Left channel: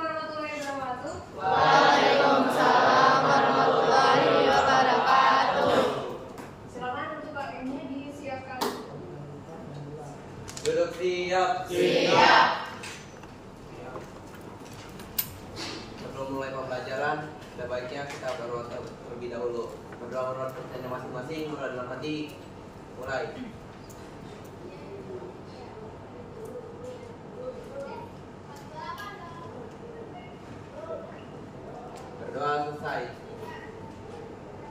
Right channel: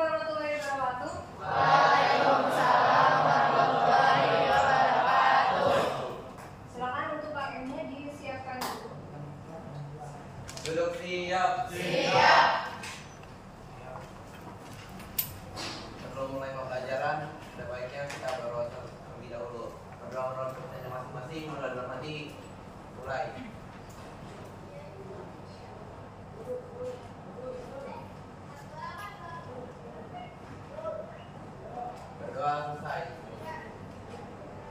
warahmatullahi wabarakatuh. Waalaikumsalam warahmatullahi wabarakatuh. Silakan untuk KM-nya disiapkan. Duduk siap. Siap. Sebelum mulai pembelajaran, sebaiknya kita berdoa terlebih dahulu. Berdoa menurut pertanyaan masing-masing, mulai dalam hati. Mulai. Berdoa selesai.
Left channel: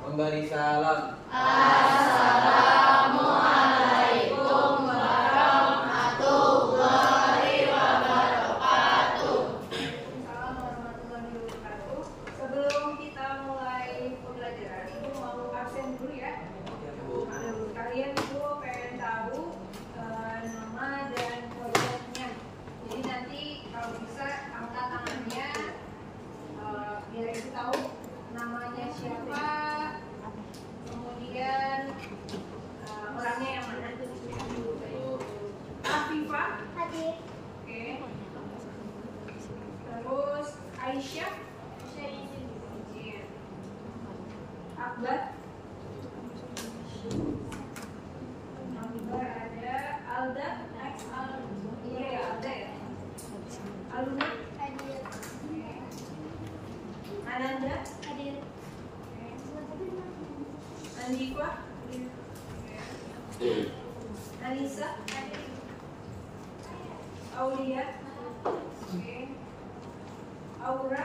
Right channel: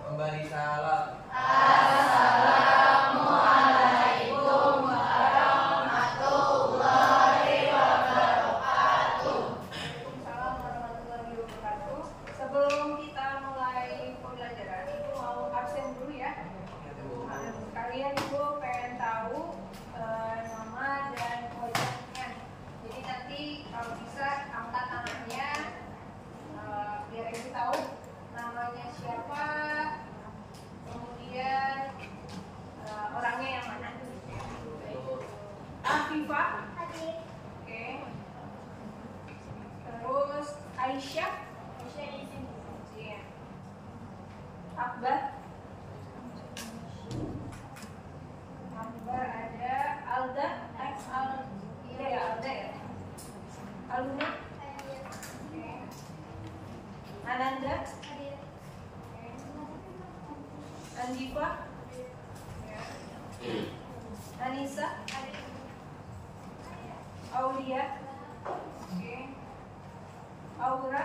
Memberi salam. Assalamualaikum warahmatullahi wabarakatuh. Waalaikumsalam warahmatullahi wabarakatuh. Sebelum kita mulai pembelajaran, Ibu mau absen dulu ya. Kalian Ibu pengen tahu nama dan wajahnya. Jadi nanti kalau bisa angkat tangannya, biar Ibu tahu namanya siapa, kemudian orangnya yang mana. Afifah. Hadir. Oke. Terus Aisyah. Iya. Akbar. Akbar ada. Alda. Iya ya, Alda ya. Aluna. Hadir. Oke. Ananda. Hadir. Andifa. Oke. Anissa. Hadir. Aulia. Oke. Aura.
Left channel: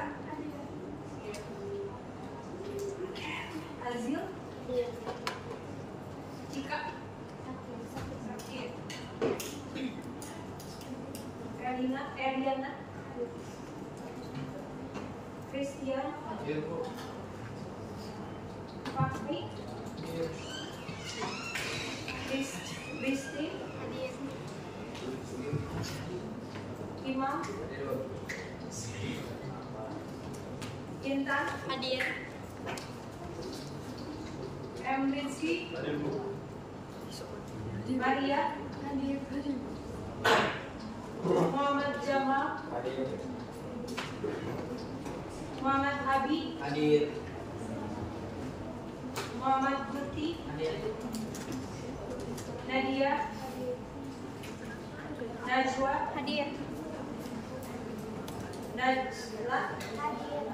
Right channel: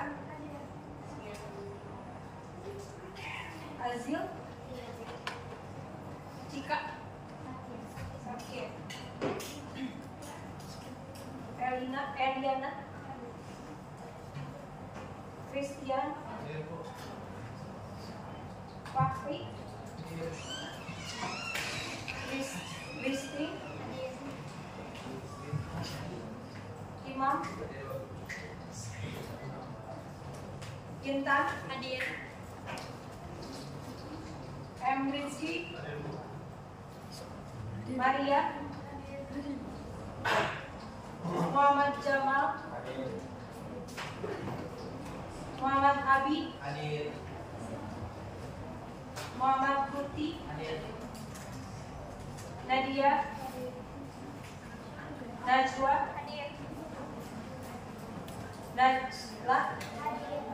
Azil. Cika. Sakit. Erdiana. Christian. Fakri. Listri. Hadir. Imam. Intan. Hadir. Rizky. Maria. Hadir. Muhammad Jamal. Muhammad Abi. Hadir. Muhammad Putih. Hadir. Nadia. Najwa. Hadir. Najla. Hadir.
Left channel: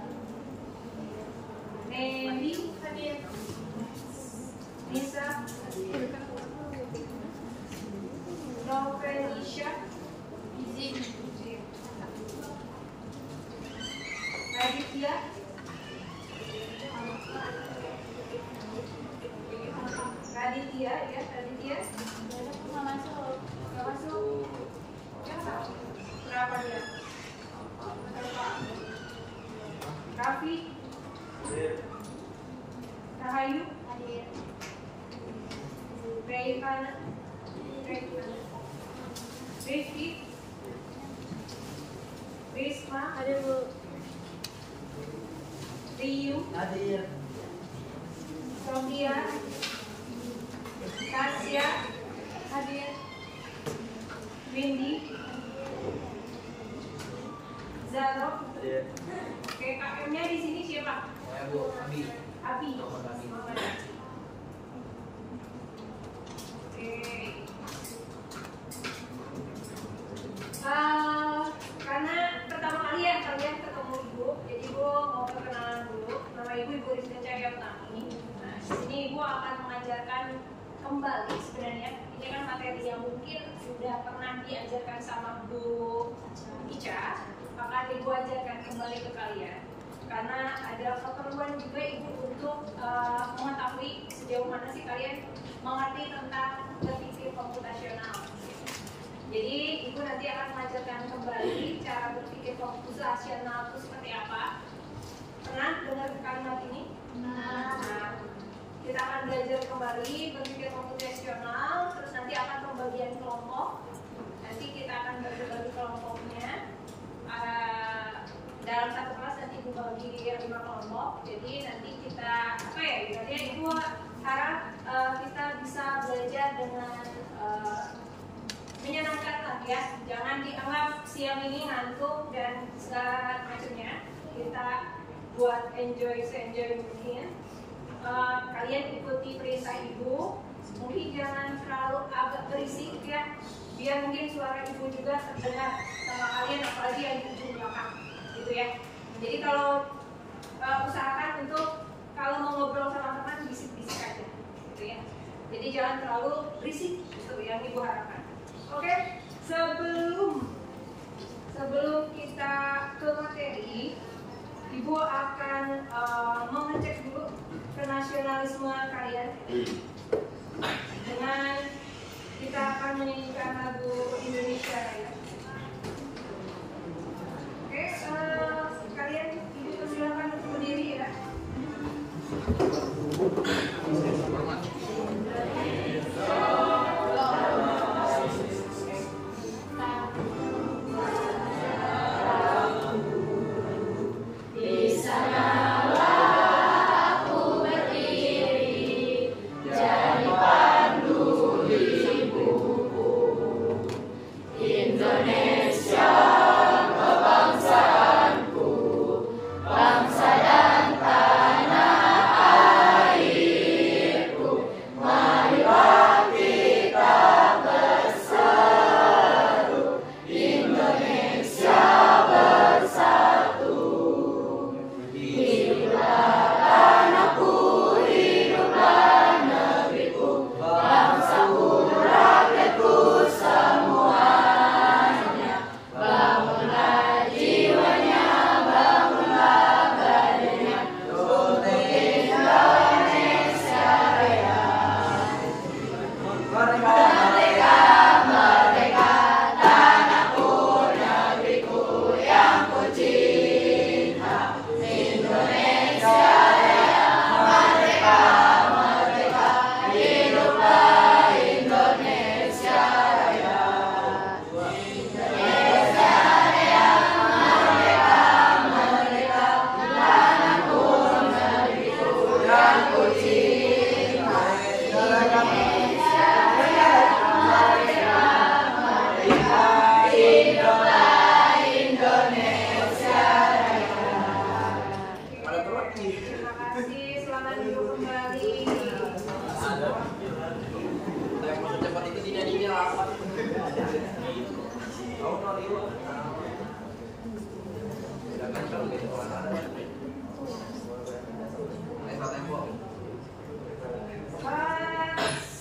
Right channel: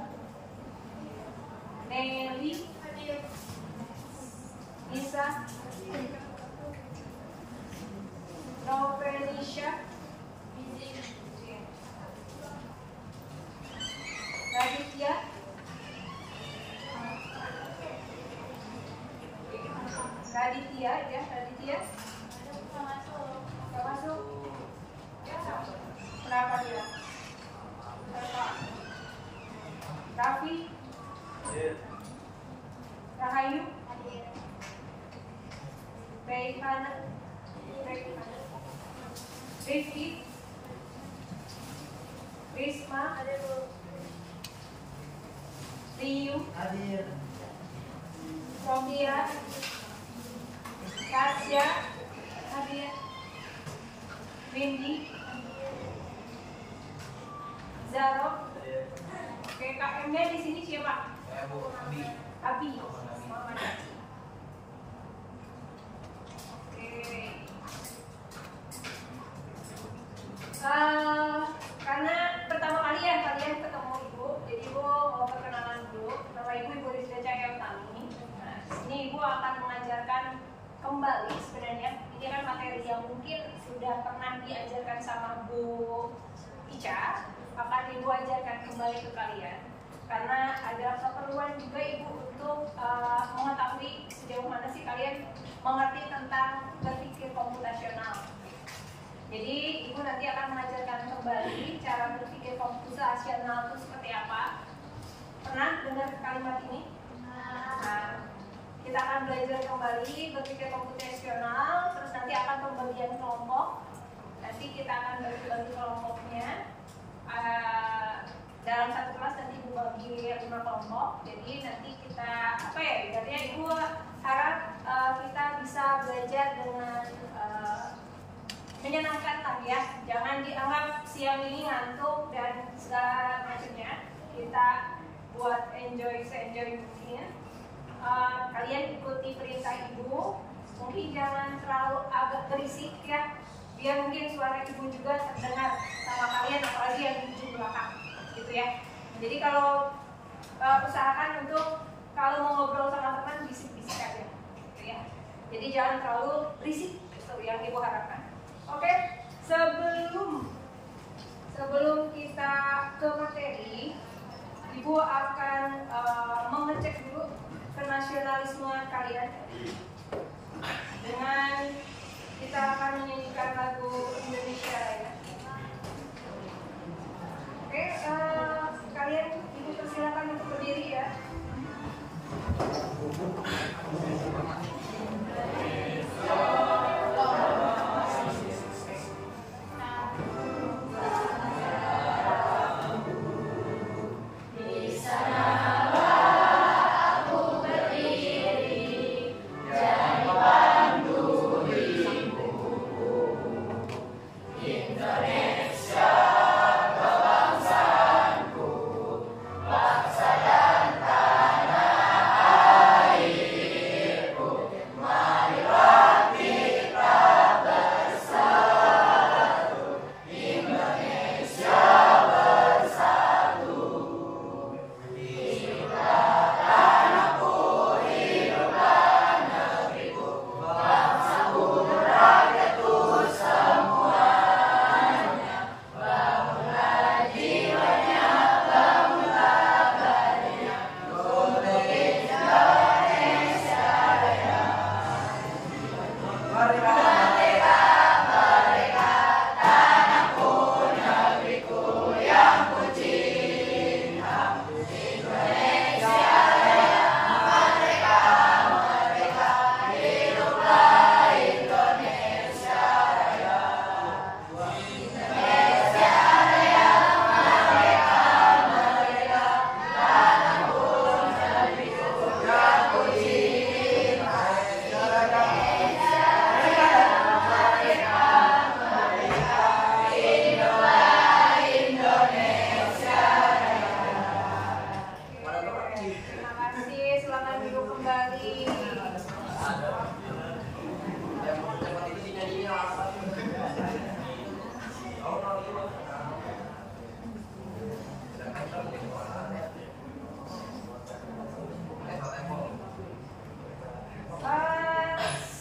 Nelly. Hadir. Nisa. Novelisha. Izin. Raditya. Raditya ya, Raditya. Gak masuk. Kenapa dia? Kenapa? Raffi. Rahayu. Hadir. Reihana. Rifki. Risma. Hadir, Bu. Riyu. Hadir. Sofia. Tasya. Hadir. Windy. Zaro. Hadir. Oke, KM-nya di sini siapa? Ya Bu, Abi. Abi. Muhammad Abi. Muhammad. Oke. Karena pertama kali ya kalian ketemu Ibu, jadi Ibu mau perkenalan dulu. Nama Ibu Rizka Cahyautami. Nah, di sini Ibu akan mengajarkan kembali sebenarnya. Ini kan materi yang mungkin sudah pernah diajarkan sama Bu Ica. Akan Ibu ajarkan kembali ke kalian. Karena ada keperluan juga Ibu untuk mengetahui sejauh mana sih kalian mengerti tentang berpikir komputasional. Jadi Ibu nanti akan mengajarkan kembali cara berpikir komputasional itu seperti apa. Pernah dengar kalimat ini? Nah, kita akan belajar kembali berpikir komputasional. Terus nanti akan pembagian kelompok. Nanti kita akan bagi kelompoknya. Dalam satu kelas nanti Ibu bagi 5 kelompok. Jadi nanti kita ibaratnya Ibu harap kita bisa belajar dengan menyenangkan lah ya. Jangan dianggap siang ini ngantuk dan segala macamnya. Kita buat enjoy se-enjoy mungkin. Kalian ikuti perintah ibu. Mungkin jangan terlalu agak berisik ya, biar mungkin suara ibu juga terdengar sama kalian, apalagi yang di ujung belakang gitu ya. Jadi kalau usahakan untuk kalau mau ngobrol sama teman bisik-bisik aja gitu ya. Jadi jangan terlalu berisik, itu yang ibu harapkan. Oke, sebelum kita ke materi, ibu akan mengecek dulu kenasionalisme kalian dengan kita akan menyanyikan lagu Indonesia Raya. Oke, kalian ibu persilakan untuk berdiri ya.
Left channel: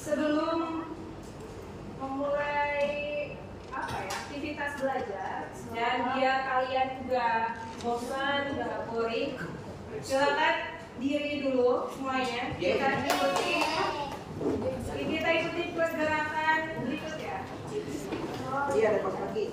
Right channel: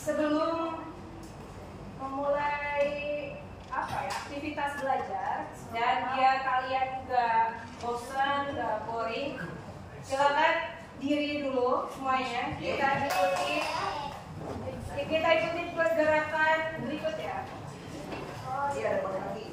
Sebelum memulai aktivitas belajar dan biar kalian juga bosan, gak boring, silakan diri dulu semuanya. Kita ikuti pergerakan berikut ya. Iya, ada kaki.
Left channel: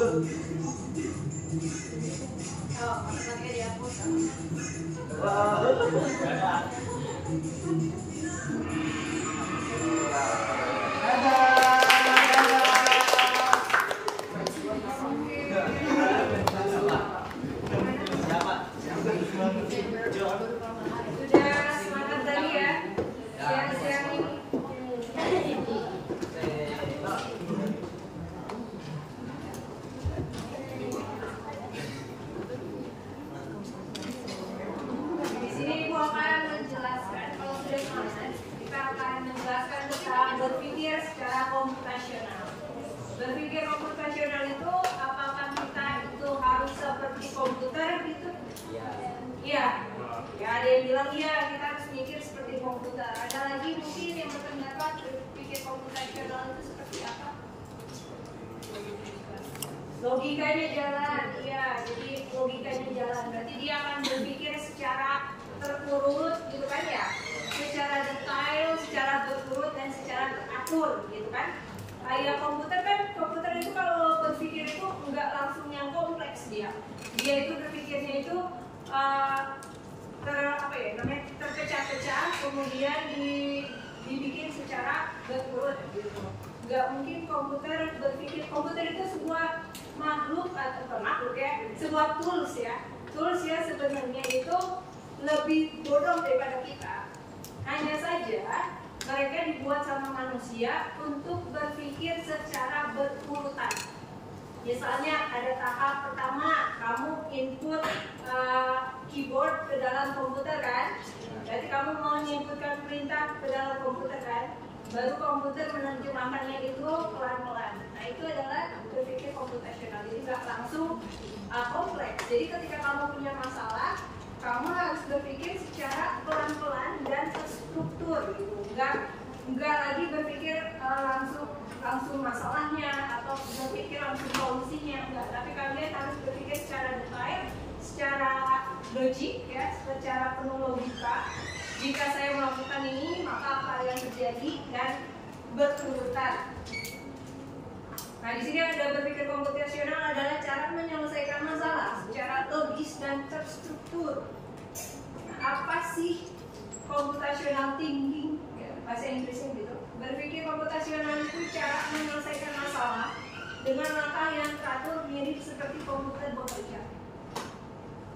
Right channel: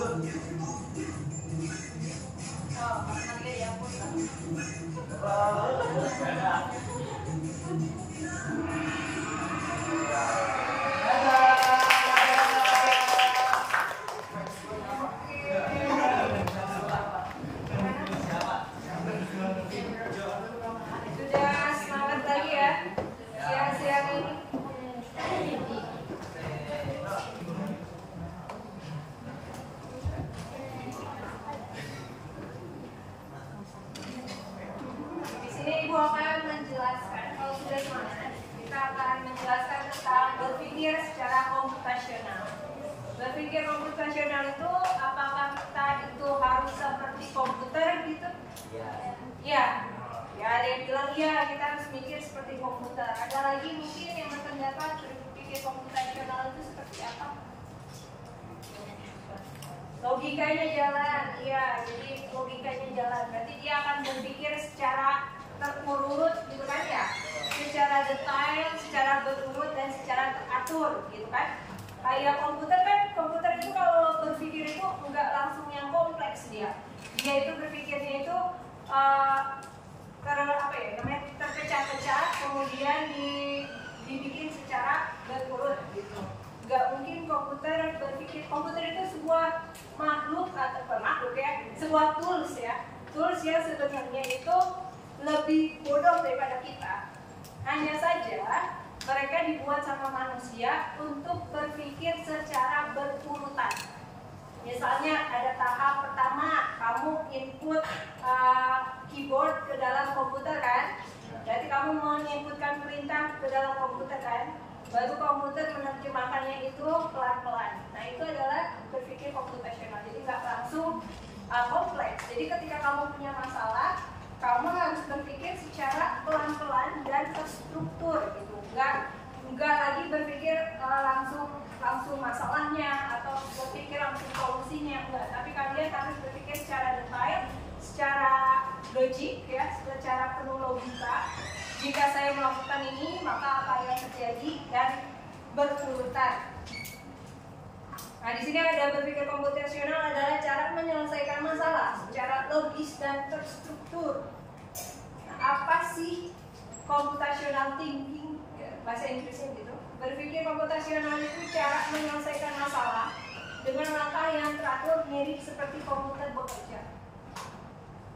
Oh, matematika dihapus. Sudah semangat lagi ya siang-siang ini. Di sini Ibu akan menjelaskan, kalau sudah semangat, kita akan menjelaskan tentang berpikir secara komputasional. Berpikir komputasional itu apakah kita itu harus seperti komputer gitu? Iya. Ya, ada yang bilang iya, kita harus mikir seperti komputer. Ada lagi mungkin yang berpendapat berpikir komputasional itu seperti apa? Logikanya jalan, iya. Jadi logikanya jalan. Berarti dia akan berpikir secara terurut, gitu kan ya? Secara detail, secara berurut dan secara teratur, gitu kan? Kayak komputer kan, komputer itu kalau berpikir itu nggak langsung yang kompleks dia. Dia itu berpikirnya itu terpecah-pecah, kemudian dibikin secara berurut gitu. Nggak mungkin komputer berpikir. Komputer itu sebuah makhluk atau makhluk ya, sebuah tools ya, tools yang sebenarnya itu lebih bodoh daripada kita. Hanya saja mereka dibuat sama manusia untuk berpikir secara berurutan. Misalnya ada tahap pertama, kamu input keyboard ke dalam komputer kan? Berarti kamu menginputkan perintah ke dalam komputer kan? Baru komputer menerjemahkannya itu pelan-pelan. Nah itu adalah berpikir komputasional. Jadi nggak langsung kompleks. Jadi ketika kamu punya masalah, kamu harus berpikir secara pelan-pelan dan terstruktur gitu. Nggak lagi berpikir langsung masalahnya atau berpikir langsung solusinya, enggak. Tapi kalian harus berpikir secara detail, secara logik ya, secara penuh logika. Jika saya melakukan ini, maka apa yang terjadi dan berurutan. Nah, di sini ada berpikir komputasional adalah cara menyelesaikan masalah secara logis dan terstruktur. Nah, apa sih computational thinking? Bahasa Inggrisnya gitu. Berpikir komputasional itu cara menyelesaikan masalah dengan langkah yang teratur mirip seperti komputer bekerja.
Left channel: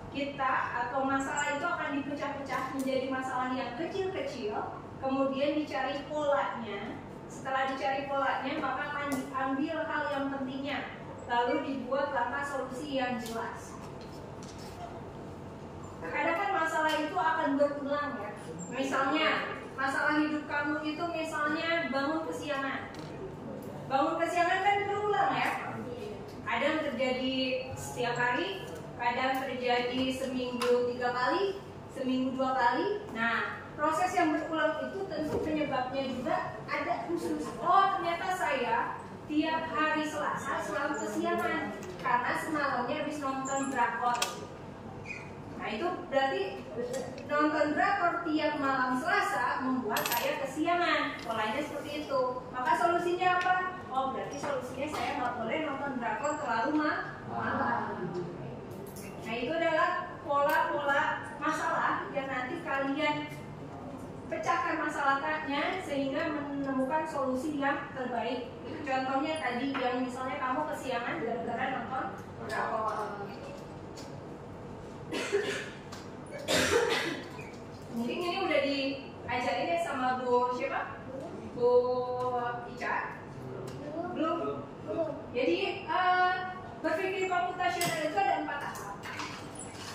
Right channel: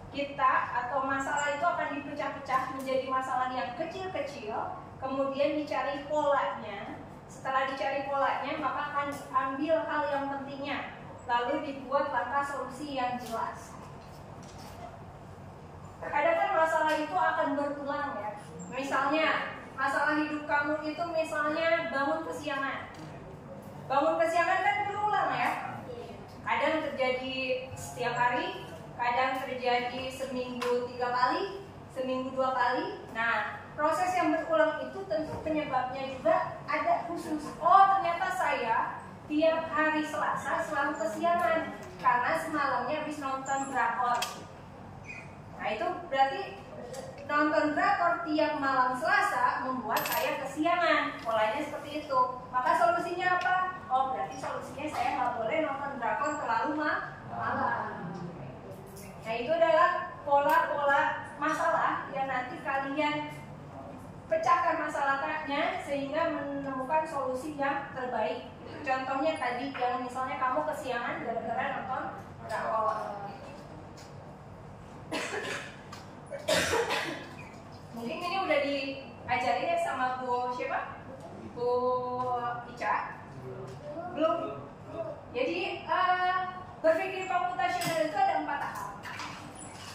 Kita atau masalah itu akan dipecah-pecah menjadi masalah yang kecil-kecil, kemudian dicari polanya. Setelah dicari polanya, maka akan diambil hal yang pentingnya, lalu dibuat langkah solusi yang jelas. Terkadang kan masalah itu akan berulang ya. Misalnya, masalah hidup kamu itu misalnya bangun kesiangan. Bangun kesiangan kan berulang ya. Kadang terjadi setiap hari, kadang terjadi seminggu 3 kali, seminggu 2 kali. Nah, proses yang berulang itu tentu penyebabnya juga ada khusus. Oh, ternyata saya tiap hari Selasa selalu kesiangan karena semalamnya habis nonton drakor. Nah, itu berarti nonton drakor tiap malam Selasa membuat saya kesiangan. Polanya seperti itu. Maka solusinya apa? Oh, berarti solusinya saya nggak boleh nonton drakor terlalu malam. Nah, itu adalah pola-pola masalah yang nanti kalian pecahkan masalahnya sehingga menemukan solusi yang terbaik. Contohnya tadi yang misalnya kamu kesiangan gara-gara nonton drakor. Mungkin ini udah diajarin ya sama Bu siapa? Bu Ica? Belum? Jadi berpikir komputasional itu ada 4 tahap.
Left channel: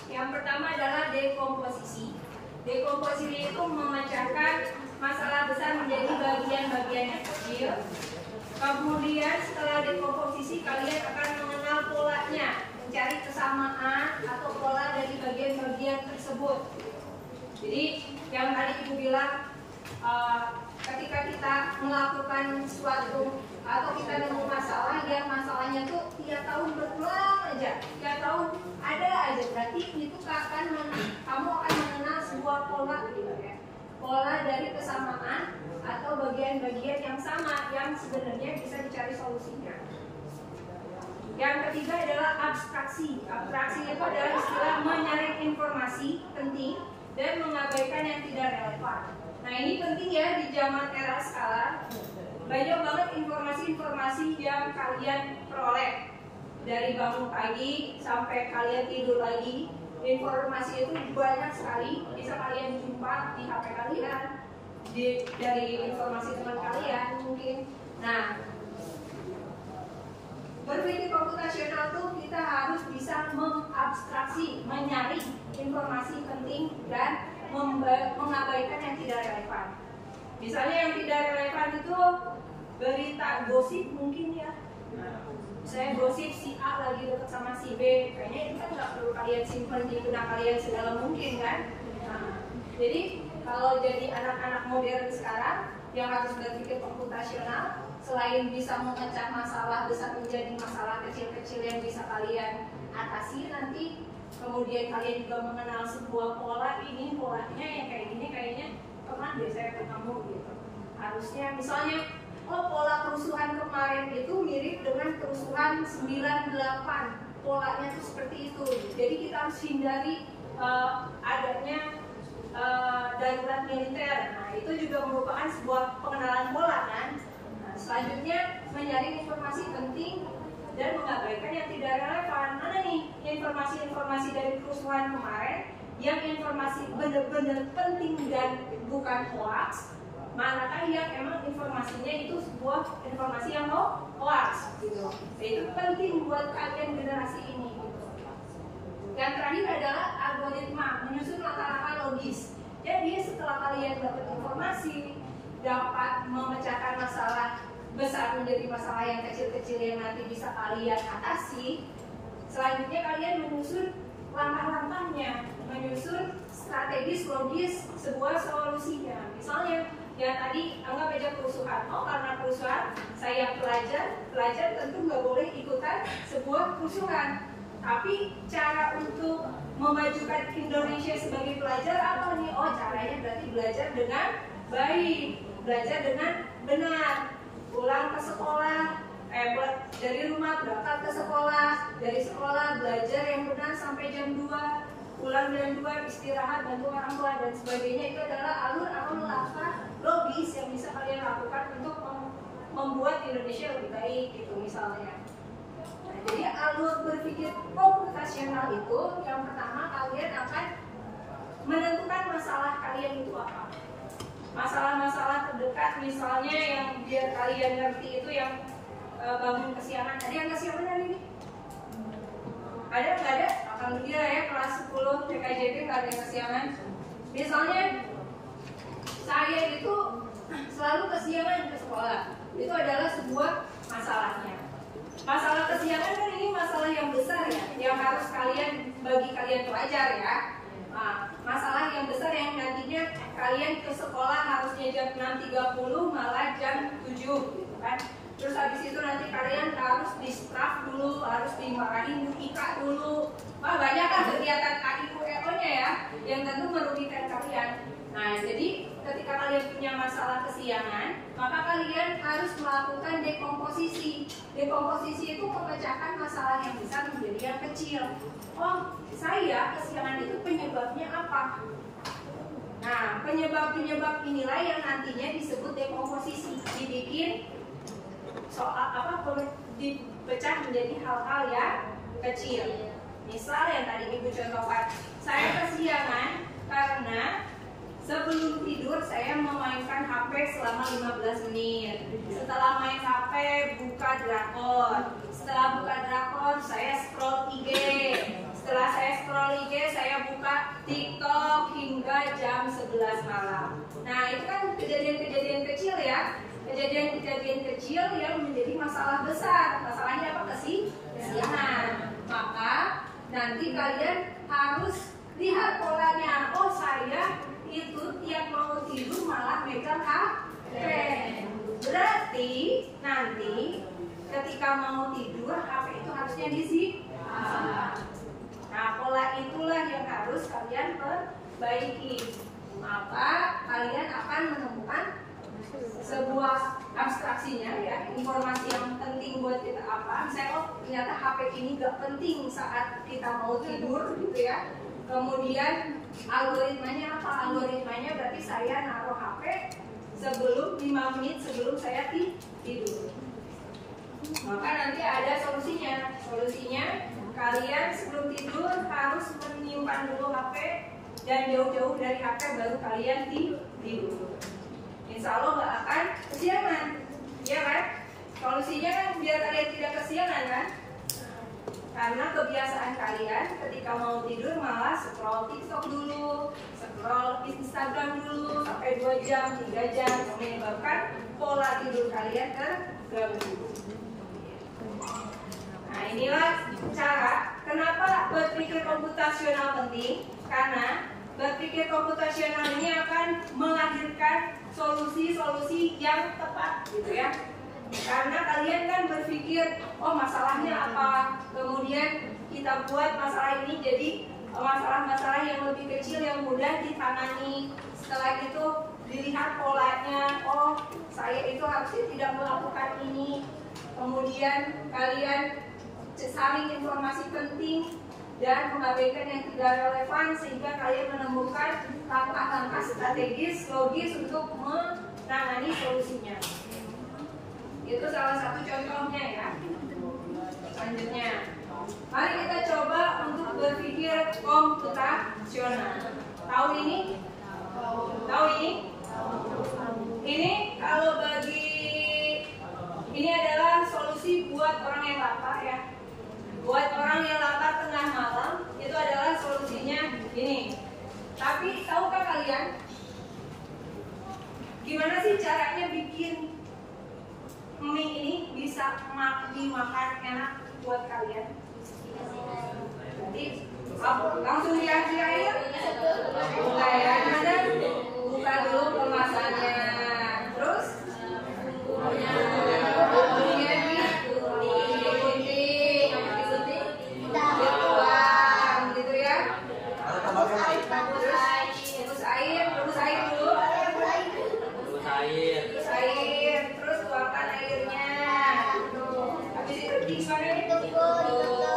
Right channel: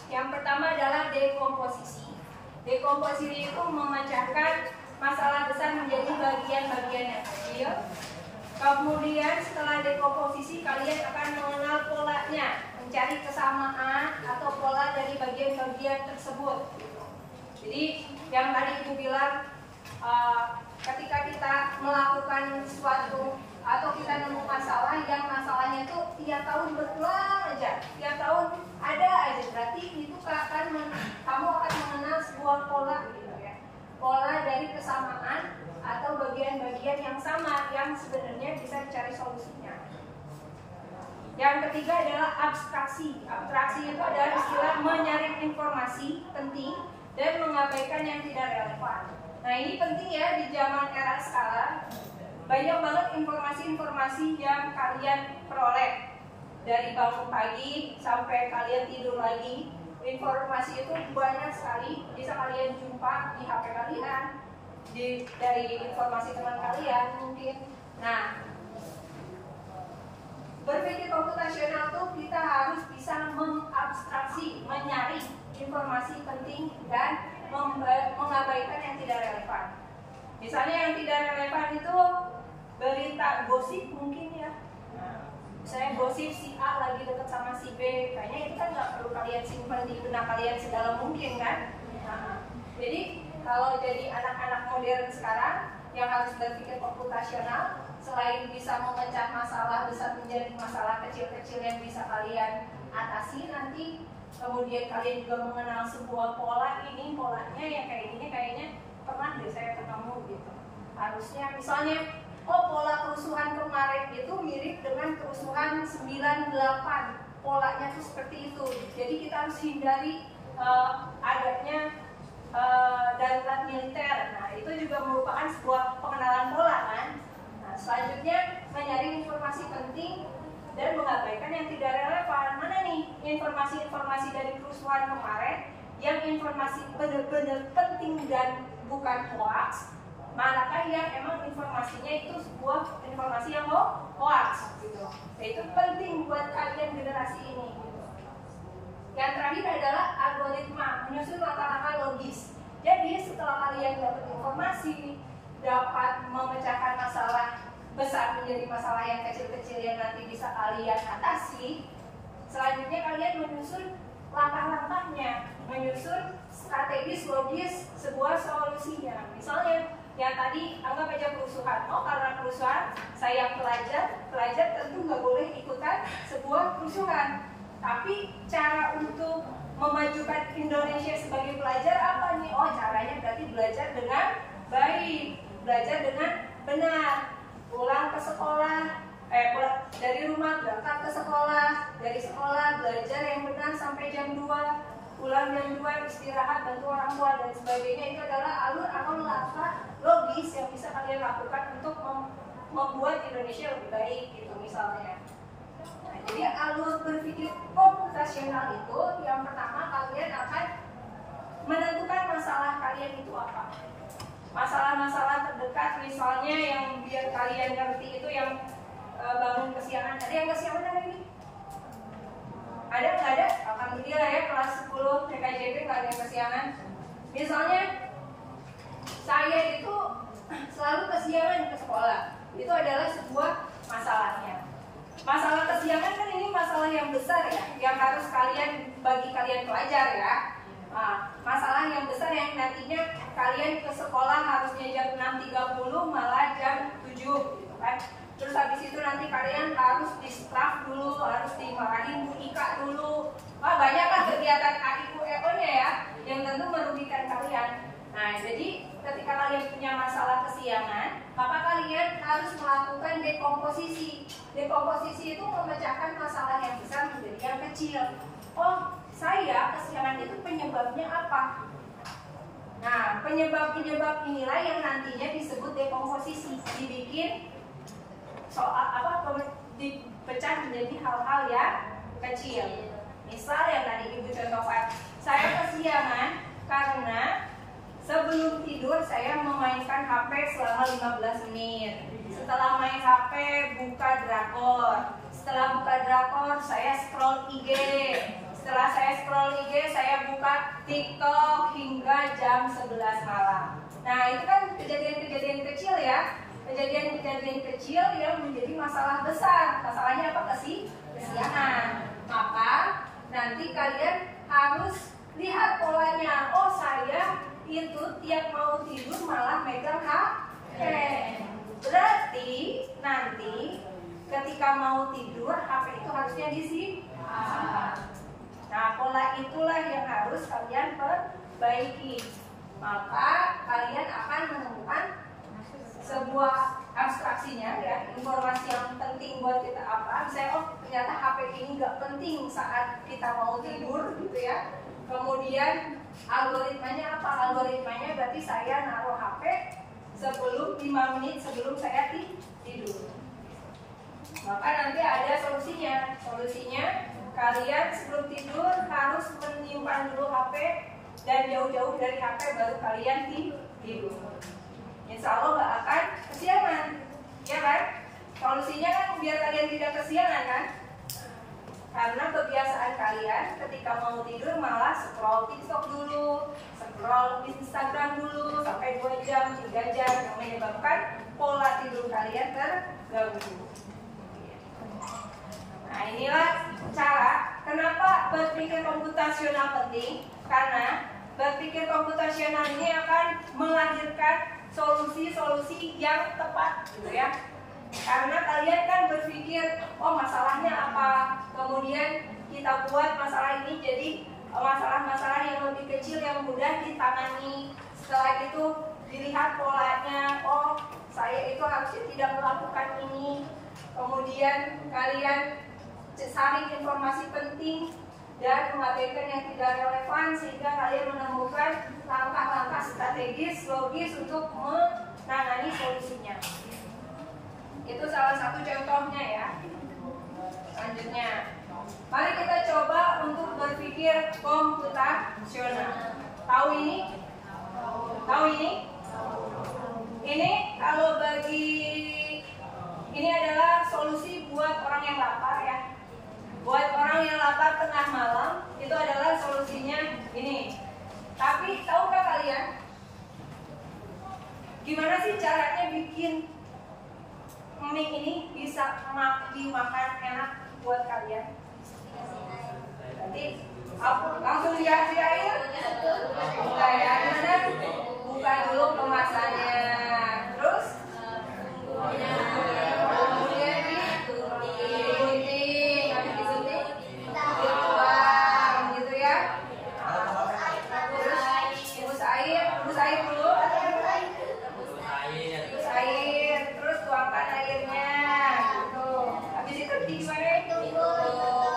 Yang pertama adalah dekomposisi. Dekomposisi itu memecahkan masalah besar menjadi bagian-bagian yang kecil. Kemudian setelah dekomposisi kalian akan mengenal polanya, mencari kesamaan atau pola dari bagian-bagian tersebut. Jadi yang tadi Ibu bilang, ketika kita melakukan sesuatu atau kita nemu masalah yang masalahnya tuh 3 tahun berulang aja, 3 tahun ada aja, berarti itu kamu akan mengenal sebuah pola gitu ya, pola dari kesamaan atau bagian-bagian yang sama yang sebenarnya bisa dicari solusinya. Yang ketiga adalah abstraksi. Abstraksi itu adalah istilah menyaring informasi penting dan mengabaikan yang tidak relevan. Nah ini penting ya di zaman era sekarang. Banyak banget informasi-informasi yang kalian peroleh dari bangun pagi sampai kalian tidur lagi. Informasi itu banyak sekali bisa kalian jumpa di HP kalian, dari informasi teman kalian mungkin. Nah, berpikir komputasional tuh kita harus bisa mengabstraksi, menyaring informasi penting dan mengabaikan yang tidak relevan. Misalnya yang tidak relevan itu berita gosip mungkin ya. Saya gosip si A lagi dekat sama si B, kayaknya itu kan nggak perlu kalian simpan di benak kalian sedalam mungkin kan. Jadi kalau jadi anak-anak modern sekarang yang harus berpikir komputasional, selain bisa memecah masalah besar menjadi masalah kecil-kecil yang bisa kalian atasi nanti, kemudian kalian juga mengenal sebuah pola, ini polanya ya kayak gini, kayaknya pernah deh saya ketemu gitu. Harusnya misalnya pola kerusuhan kemarin itu mirip dengan kerusuhan 98, polanya tuh seperti itu. Jadi kita harus hindari adanya darurat militer. Nah itu juga merupakan sebuah pengenalan pola kan. Nah, selanjutnya menyaring informasi penting dan mengabaikan yang tidak relevan. Mana nih informasi-informasi dari kerusuhan kemarin yang informasi benar-benar penting dan bukan hoax, manakah yang emang informasinya itu sebuah informasi yang hoax gitu. Nah, itu penting buat kalian generasi ini gitu. Yang terakhir adalah algoritma, menyusun langkah-langkah logis. Jadi setelah kalian dapat informasi, dapat memecahkan masalah besar menjadi masalah yang kecil-kecil yang nanti bisa kalian atasi, selanjutnya kalian menyusun langkah-langkahnya, menyusun strategis logis sebuah solusinya. Misalnya yang tadi anggap aja kerusuhan. Oh karena kerusuhan saya pelajar tentu nggak boleh ikutan sebuah kerusuhan. Tapi cara untuk memajukan Indonesia sebagai pelajar apa nih? Oh caranya berarti belajar dengan baik, belajar dengan benar, pulang ke sekolah, dari rumah berangkat ke sekolah, dari sekolah belajar yang benar sampai jam 2, pulang jam 2 istirahat, bantu orang tua dan sebagainya. Itu adalah alur atau langkah logis yang bisa kalian lakukan untuk membuat Indonesia lebih baik gitu misalnya. Nah, jadi alur berpikir komputasional itu yang pertama kalian akan menentukan masalah kalian itu apa. Masalah-masalah terdekat misalnya yang biar kalian ngerti itu yang bangun kesiangan. Ada yang kesiangan hari ini? Ada nggak ada? Alhamdulillah ya kelas 10 PKJB nggak ada yang kesiangan. Misalnya saya itu selalu kesiangan ke sekolah. Itu adalah sebuah masalahnya. Masalah kesiangan kan ini masalah yang besar ya, yang harus bagi kalian pelajar ya. Masalah yang besar yang nantinya kalian ke sekolah harusnya jam 6.30 malah jam 7 gitu kan. Terus habis itu nanti kalian harus distraf dulu, harus dimarahin Bu Ika dulu. Banyak kan kegiatan AIUEO-nya ya, yang tentu merugikan kalian. Nah, jadi ketika kalian punya masalah kesiangan, maka kalian harus melakukan dekomposisi. Dekomposisi itu memecahkan masalah yang besar menjadi yang kecil. Oh, saya kesiangan itu penyebabnya apa? Nah, penyebab-penyebab inilah yang nantinya disebut dekomposisi. Dibikin dipecah menjadi hal-hal yang kecil. Misal yang tadi Ibu contohkan, saya kesiangan karena sebelum tidur saya memainkan HP selama 15 menit. Setelah main HP, buka drakor. Setelah buka drakor, saya scroll IG. Setelah saya scroll IG, saya buka TikTok hingga jam 11 malam. Nah, itu kan kejadian-kejadian kecil ya. Kejadian-kejadian kecil yang menjadi masalah besar. Masalahnya apa? Kesiangan. Maka nanti kalian harus lihat polanya. Oh, saya itu tiap mau tidur malah megang HP. Berarti nanti ketika mau tidur HP itu harusnya disimpan. Nah, pola itulah yang harus kalian perbaiki. Maka kalian akan menemukan sebuah abstraksinya ya, informasi yang penting buat kita apa. Misalnya oh ternyata HP ini nggak penting saat kita mau tidur gitu ya. Kemudian algoritmanya apa? Algoritmanya berarti saya naruh HP sebelum 5 menit sebelum saya tidur. Maka nanti ada solusinya. Solusinya kalian sebelum tidur harus menyimpan dulu HP dan jauh-jauh dari HP baru kalian tidur. Insya Allah nggak akan kesiangan, ya kan? Solusinya kan biar kalian tidak kesiangan kan? Karena kebiasaan kalian ketika mau tidur malah scroll TikTok dulu, scroll Instagram dulu sampai 2 jam, 3 jam yang menyebabkan pola tidur kalian terganggu. Nah inilah cara kenapa berpikir komputasional penting, karena berpikir komputasional ini akan melahirkan solusi-solusi yang tepat gitu ya. Karena kalian kan berpikir oh masalahnya apa, kemudian kita buat masalah ini jadi masalah-masalah yang lebih kecil yang mudah ditangani. Setelah itu dilihat polanya, oh saya itu harusnya tidak melakukan ini. Kemudian kalian saring informasi penting dan mengabaikan yang tidak relevan sehingga kalian menemukan langkah-langkah strategis logis untuk menangani solusinya. Itu salah satu contohnya ya. Selanjutnya, mari kita coba untuk berpikir komputasional. Tahu ini? Tahu ini? Ini kalau bagi ini adalah solusi buat orang yang lapar ya. Buat orang yang lapar tengah malam itu adalah solusinya ini. Tapi tahukah kalian gimana sih caranya bikin mie ini bisa dimakan enak buat kalian? Jadi langsung dikasih air? Buka ya, gimana? Buka dulu kemasannya. Terus bumbunya digunting, habis disuntik dituang gitu ya. Terus rebus air dulu. Rebus air, terus tuangkan airnya gitu. Habis itu gimana?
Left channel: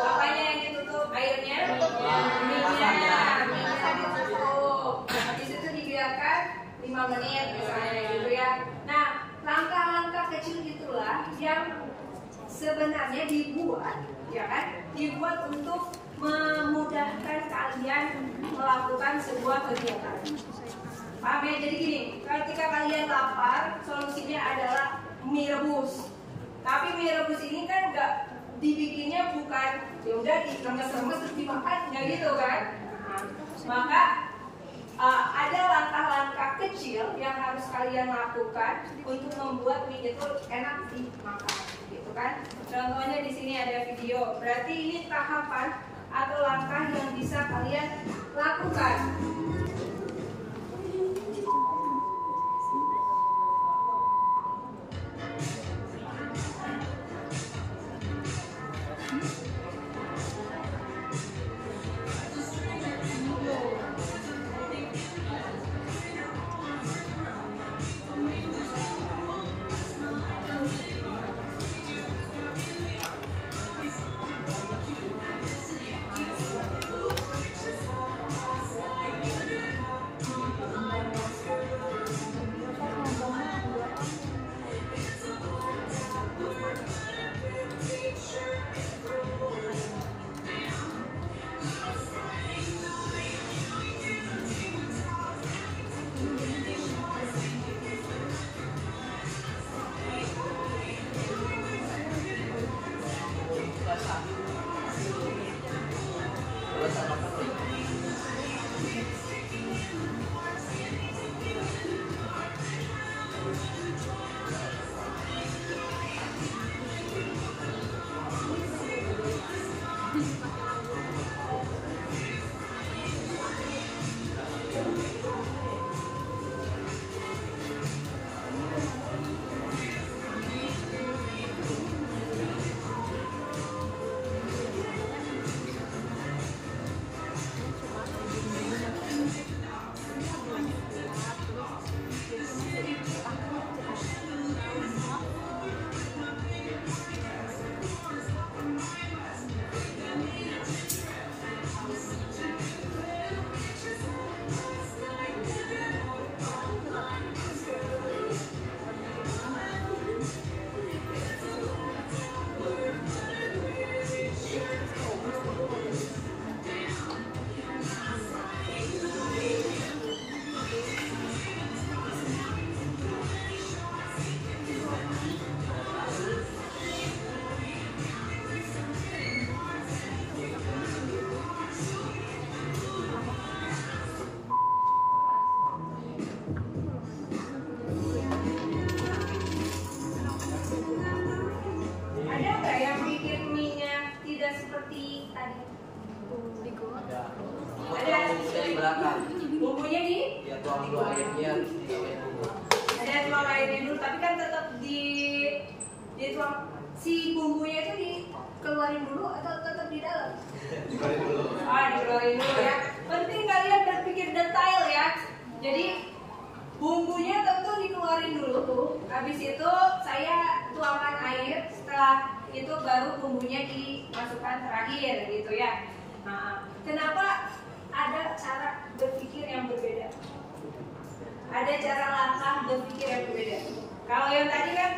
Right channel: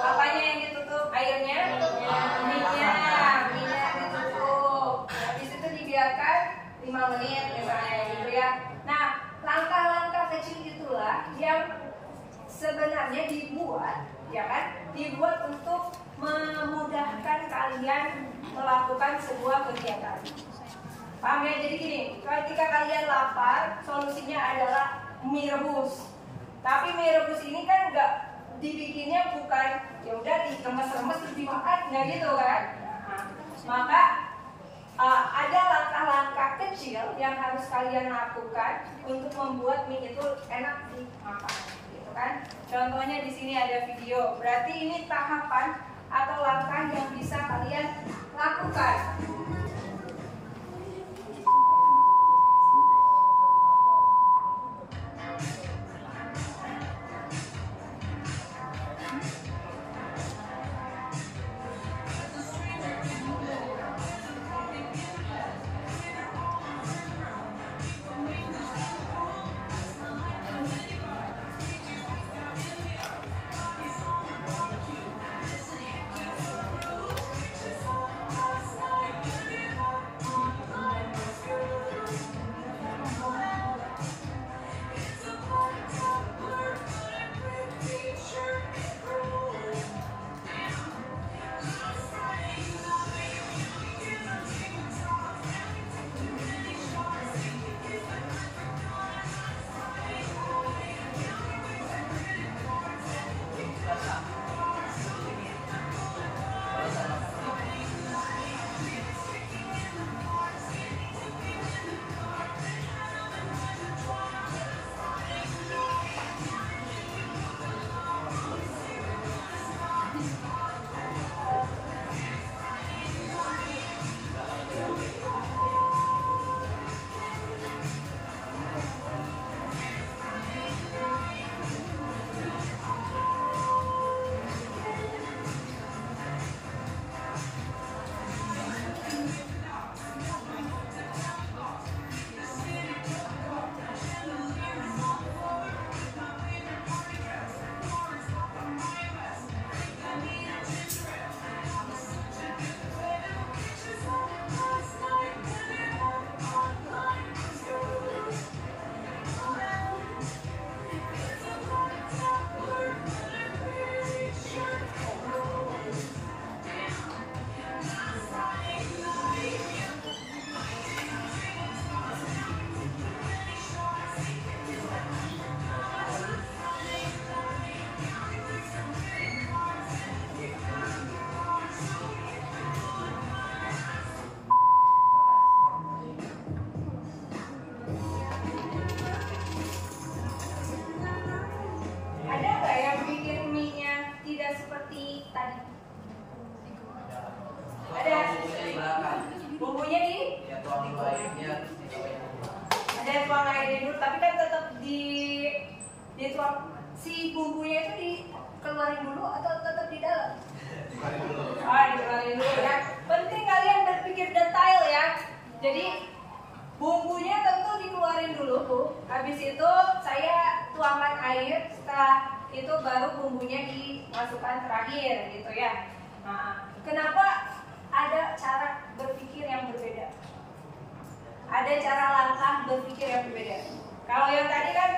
Apanya yang ditutup? Airnya? Minyak ditutup. Habis itu dibiarkan 5 menit misalnya gitu ya. Nah, langkah-langkah kecil itulah yang sebenarnya dibuat, ya kan? Dibuat untuk memudahkan kalian melakukan sebuah kegiatan. Paham ya? Jadi gini, ketika kalian lapar, solusinya adalah mie rebus. Tapi mie rebus ini kan nggak dibikinnya bukan ya udah diremes-remes terus dimakan, nggak gitu kan? Nah, maka ada langkah-langkah kecil yang harus kalian lakukan untuk membuat mie itu enak dimakan, gitu kan? Contohnya di sini ada video. Berarti ini tahapan atau langkah yang bisa kalian lakukan. seperti tadi? Ada di belakang. Bumbunya di? Ya tuang dulu airnya, dituangin dulu. Ada tuang airnya dulu, tapi kan tetap dituang si bumbunya itu dikeluarin dulu atau tetap di dalam? Dikeluarin dulu. Dikeluarin dulu ya. Penting kalian berpikir detail ya. Jadi bumbunya tentu dikeluarin dulu Bu. Habis itu saya tuangkan air. Setelah itu baru bumbunya dimasukkan terakhir gitu ya. Nah, kenapa ada cara berpikir yang berbeda? Ada cara langkah berpikir yang berbeda. Kalau yang tadi kan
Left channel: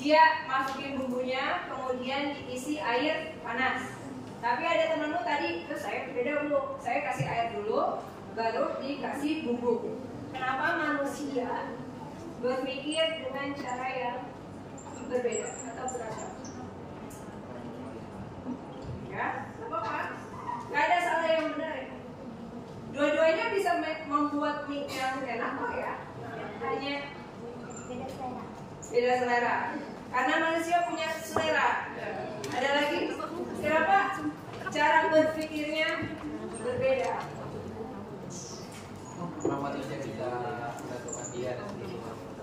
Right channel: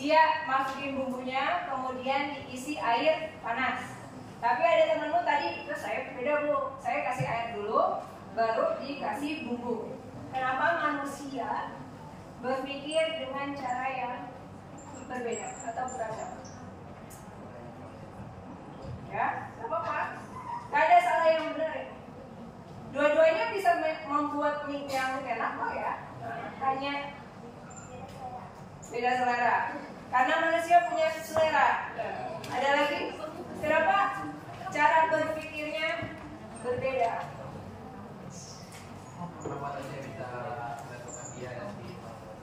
dia masukin bumbunya, kemudian diisi air panas. Tapi ada temenmu tadi, terus saya berbeda Bu. Saya kasih air dulu, baru dikasih bumbu. Kenapa manusia berpikir dengan cara yang berbeda atau beragam? Ya, gak apa-apa. Gak ada salah yang benar ya. Dua-duanya bisa membuat mie yang enak kok ya. Hanya beda selera. Karena manusia punya selera. Ada lagi? Kenapa cara berpikirnya berbeda? Kenapa manusia bisa menentukan dia dan diri?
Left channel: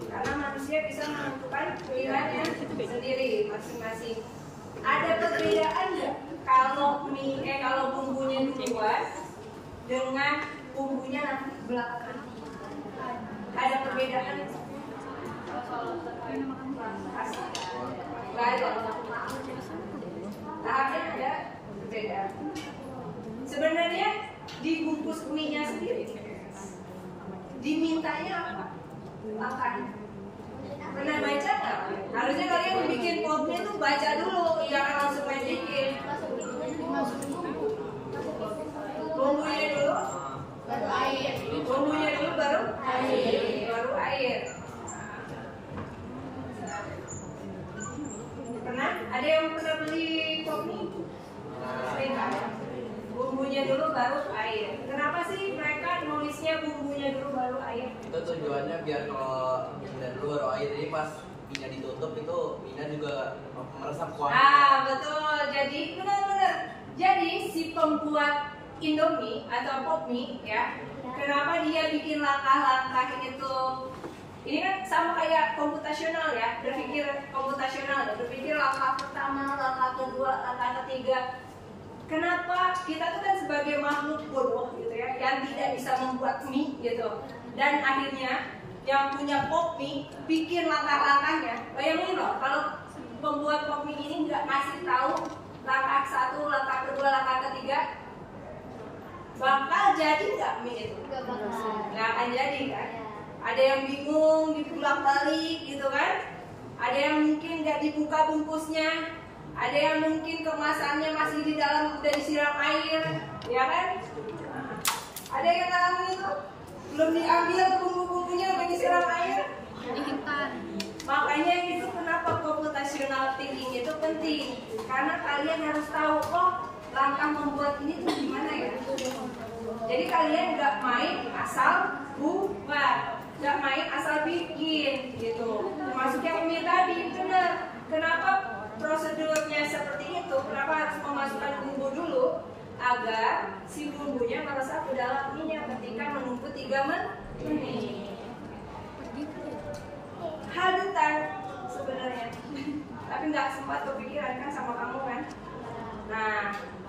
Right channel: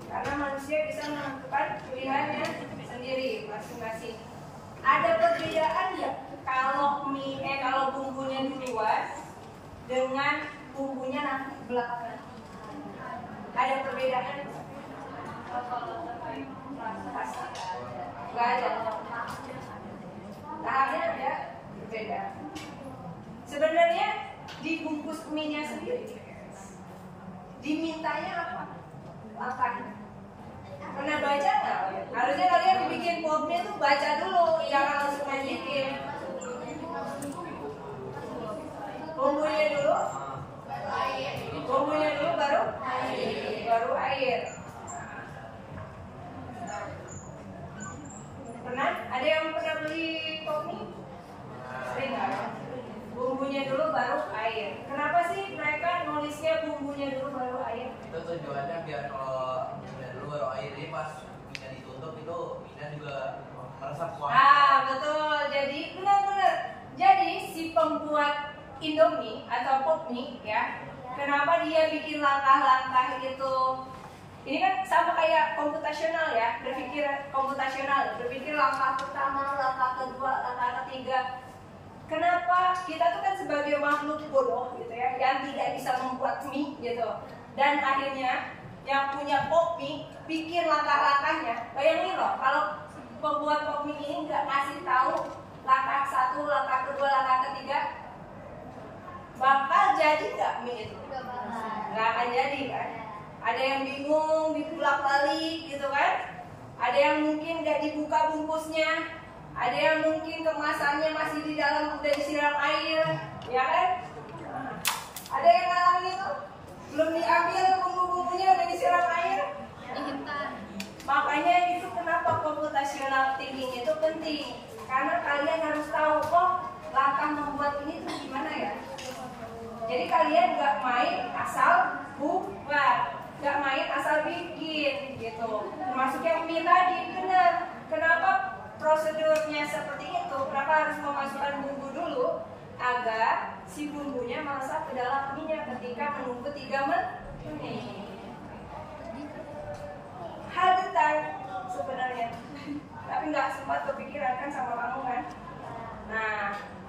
Karena manusia bisa menentukan pilihannya sendiri masing-masing. Ada perbedaan nggak kalau kalau bumbunya duluan dengan bumbunya nanti belakangan? Ada perbedaan nggak? Kalau terkait rasa nggak ada. Tahapnya ada berbeda. Sebenarnya dibungkus mie-nya sendiri dimintanya apa? Langkahnya. Pernah baca nggak? Harusnya kalian bikin popnya tuh baca dulu, jangan langsung main bikin. Bumbunya dulu, bumbunya dulu baru air. Pernah? Ada yang pernah beli pop mie? Sering nggak ya? Bumbunya dulu baru air. Kenapa sih mereka nulisnya bumbunya dulu baru air? Itu tujuannya biar kalau bumbunya dulu baru air, jadi pas minyak ditutup itu minyak juga meresap kuah. Betul. Jadi benar-benar. Jadi si pembuat Indomie atau pop mie ya, kenapa dia bikin langkah-langkah itu? Ini kan sama kayak komputasional ya, berpikir komputasional, berpikir langkah pertama, langkah kedua, langkah ketiga. Kenapa kita tuh kan sebagai makhluk bodoh gitu ya, yang tidak bisa membuat mie gitu, dan akhirnya yang punya pop mie pikir langkah-langkahnya. Bayangin loh, kalau pembuat pop mie ini nggak ngasih tahu langkah satu, langkah kedua, langkah ketiga, bakal jadi nggak mie itu? Nggak akan jadi kan? Ada yang bingung, dibulak-balik gitu kan? Ada yang mungkin nggak dibuka bungkusnya. Ada yang mungkin kemasannya masih di dalam, udah disiram air, ya kan? Ada yang ngalamin itu, belum diambil bumbu-bumbunya udah disiram air. Makanya itu kenapa computational thinking itu penting, karena kalian harus tahu, langkah membuat ini tuh gimana ya. Jadi kalian nggak main asal buat, nggak main asal bikin gitu. Termasuk yang mie tadi, benar. Kenapa prosedurnya seperti itu? Kenapa harus memasukkan bumbu dulu agar si bumbunya meresap ke dalam minyak ketika menunggu 3 menit. Hal detail sebenarnya, tapi nggak sempat kepikiran kan sama kamu kan? Nah,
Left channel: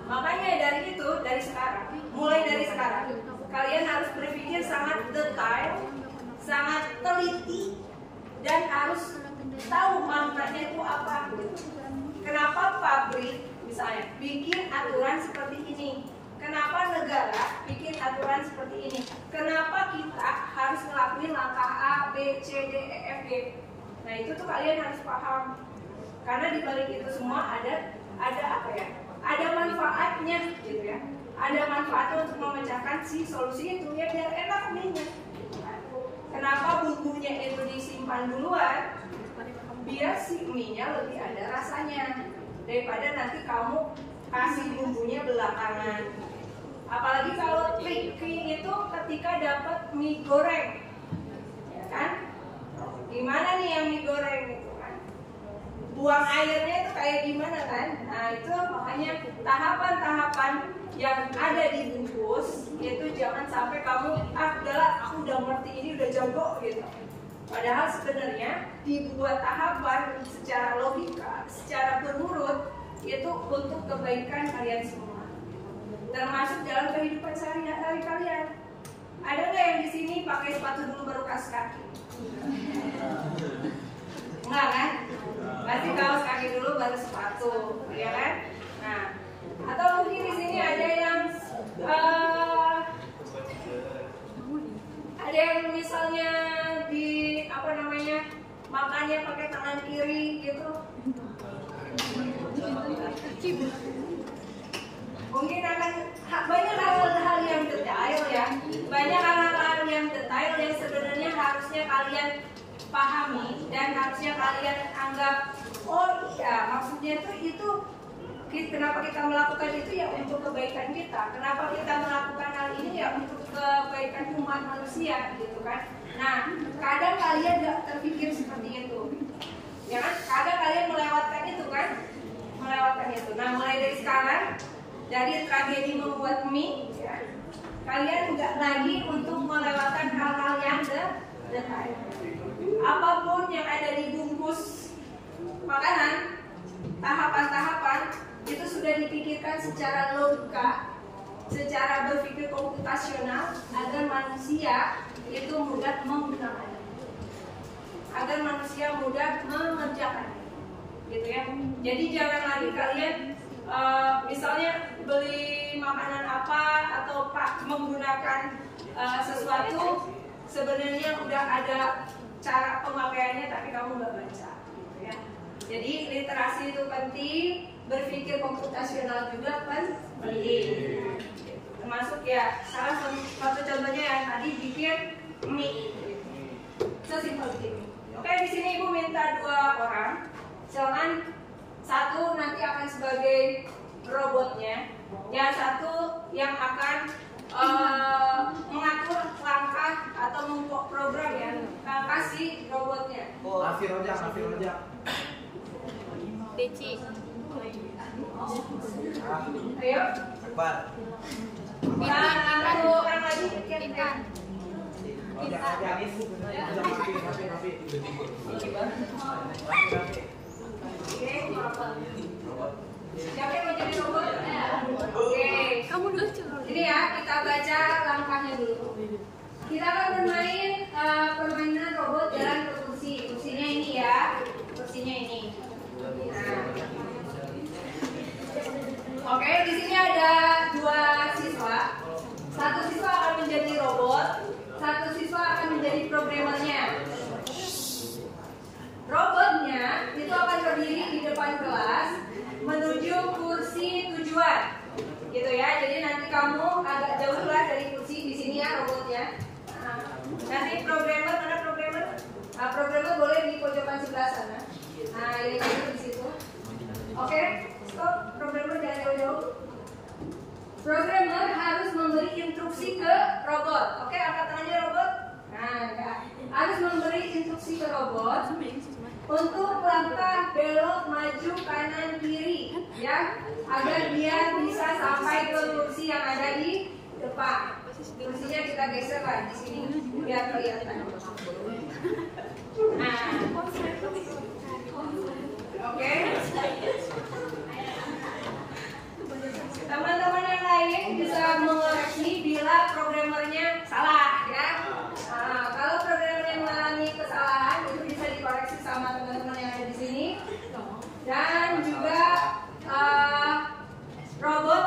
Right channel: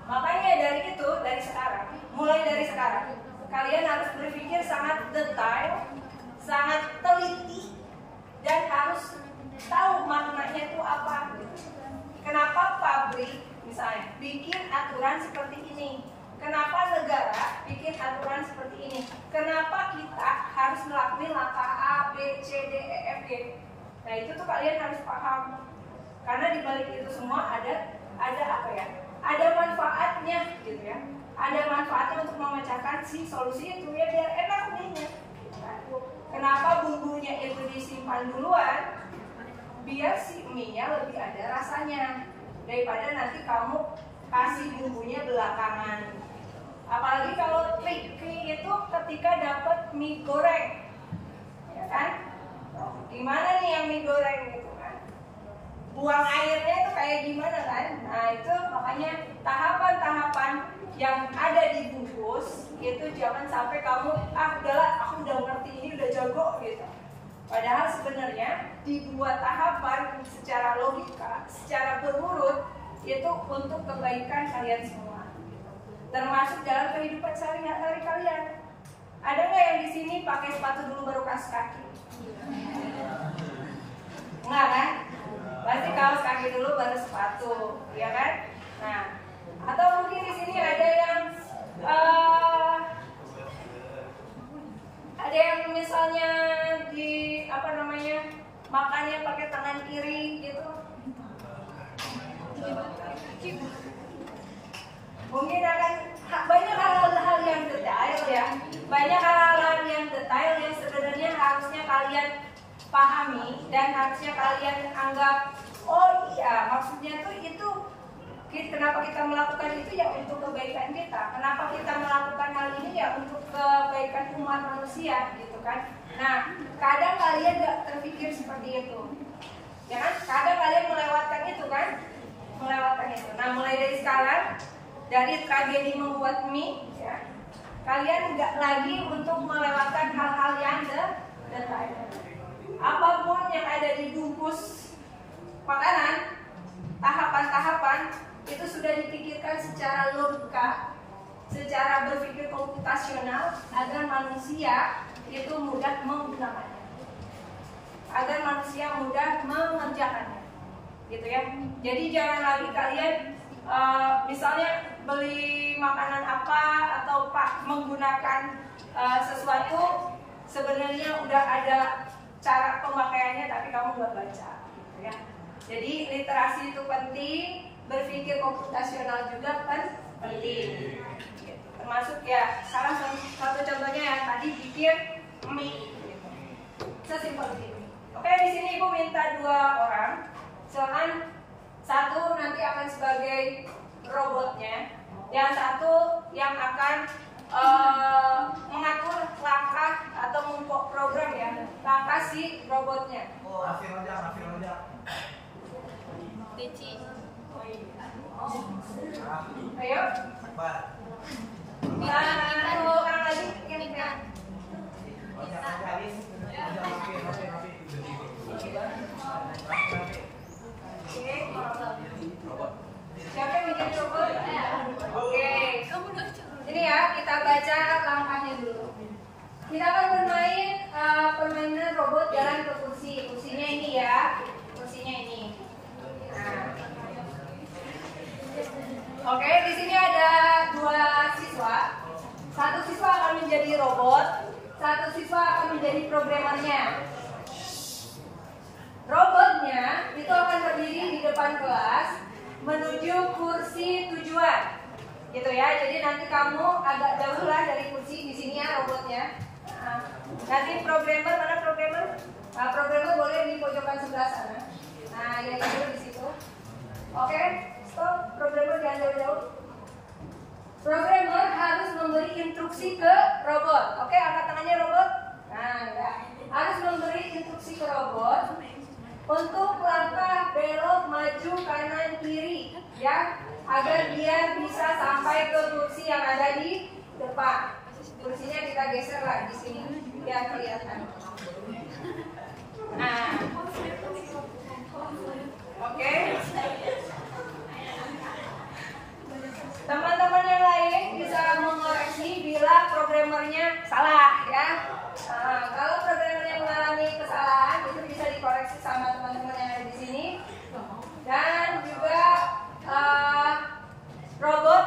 makanya dari sekarang, mulai dari sekarang, kalian harus berpikir sangat detail, sangat teliti, dan harus tahu maknanya itu apa gitu. Kenapa pabrik misalnya bikin aturan seperti ini? Kenapa negara bikin aturan seperti ini? Kenapa kita harus ngelakuin langkah A, B, C, D, E, F, G? Nah itu tuh kalian harus paham. Karena di balik itu semua ada apa ya? Ada manfaatnya gitu ya. Ada manfaatnya untuk memecahkan si solusi itu ya, biar enak mie-nya. Kenapa bumbunya itu disimpan duluan? Biar si mie-nya lebih ada rasanya daripada nanti kamu kasih bumbunya belakangan. Apalagi kalau tricky itu ketika dapat mie goreng, ya kan? Gimana nih yang mie goreng gitu kan? buang airnya itu kayak gimana kan? Nah itu makanya tahapan-tahapan yang ada di bungkus itu jangan sampai kamu udahlah aku udah ngerti ini udah jago gitu. Padahal sebenarnya dibuat tahapan secara logika, secara berurut itu untuk kebaikan kalian semua. Termasuk dalam kehidupan sehari-hari kalian. Ada nggak yang di sini pakai sepatu dulu baru kaos kaki? Enggak kan? Pasti kaos kaki dulu baru sepatu, ya kan? Nah, atau mungkin di sini ada yang misalnya di makannya pakai tangan kiri gitu. Mungkin akan banyak hal-hal yang detail ya, banyak hal-hal yang detail yang sebenarnya harusnya kalian pahami dan harusnya kalian anggap oh iya maksudnya tuh itu kenapa kita melakukan itu ya untuk kebaikan kita, kenapa kita melakukan hal ini ya untuk kebaikan umat manusia gitu kan. Nah kadang kalian gak terpikir seperti itu ya kan, kadang kalian melewatkan itu kan, melewatkan itu. Nah mulai dari sekarang, dari tragedi membuat mie ya, kalian nggak lagi untuk melewatkan hal-hal yang detail. Apapun yang ada di bungkus makanan, tahapan-tahapan itu sudah dipikirkan secara logika, secara berpikir komputasional agar manusia itu mudah menggunakannya, agar manusia mudah mengerjakannya, gitu ya. Jadi jangan lagi kalian misalnya beli makanan apa atau menggunakan sesuatu sebenarnya udah ada cara pemakaiannya tapi kamu nggak baca, gitu ya. Jadi literasi itu penting, berpikir komputasional juga penting. Termasuk ya salah satu contohnya yang tadi bikin mie, gitu. Sesimpel itu. Oke, di sini ibu minta 2 orang, silakan. Satu nanti akan sebagai robotnya, yang satu yang akan mengatur langkah atau memprogram ya langkah si robotnya. Hafir aja. Beci. Ayo. Cepat. Satu orang lagi ya. Siapa yang mau jadi robot? Oke. Ini ya, kita baca langkahnya dulu. Kita akan bermain permainan robot jalan ke kursi. Kursinya ini ya, kursinya ini. Nah. Oke, di sini ada 2 siswa. Satu siswa akan menjadi robot, satu siswa akan menjadi programmernya. Robotnya itu akan berdiri di depan kelas menuju kursi tujuan, gitu ya. Jadi nanti kamu agak jauh lah dari kursi di sini ya robotnya. Nanti programmer, mana programmer? Programmer boleh di pojokan sebelah sana. Nah, ya itu di situ. Oke, stop. Programmer jangan jauh-jauh. Programmer harus memberi instruksi ke robot. Oke, angkat tangannya robot. Nah, ya. Harus memberi instruksi ke robot untuk langkah belok maju kanan kiri ya, agar dia bisa sampai ke kursi yang ada di depan. Kursinya kita geser lah di sini biar kelihatan. Nah, oke. Teman-teman yang lain bisa mengoreksi bila programmernya salah ya. Kalau programmer yang mengalami kesalahan itu bisa dikoreksi sama teman-teman yang ada di sini. Dan juga robot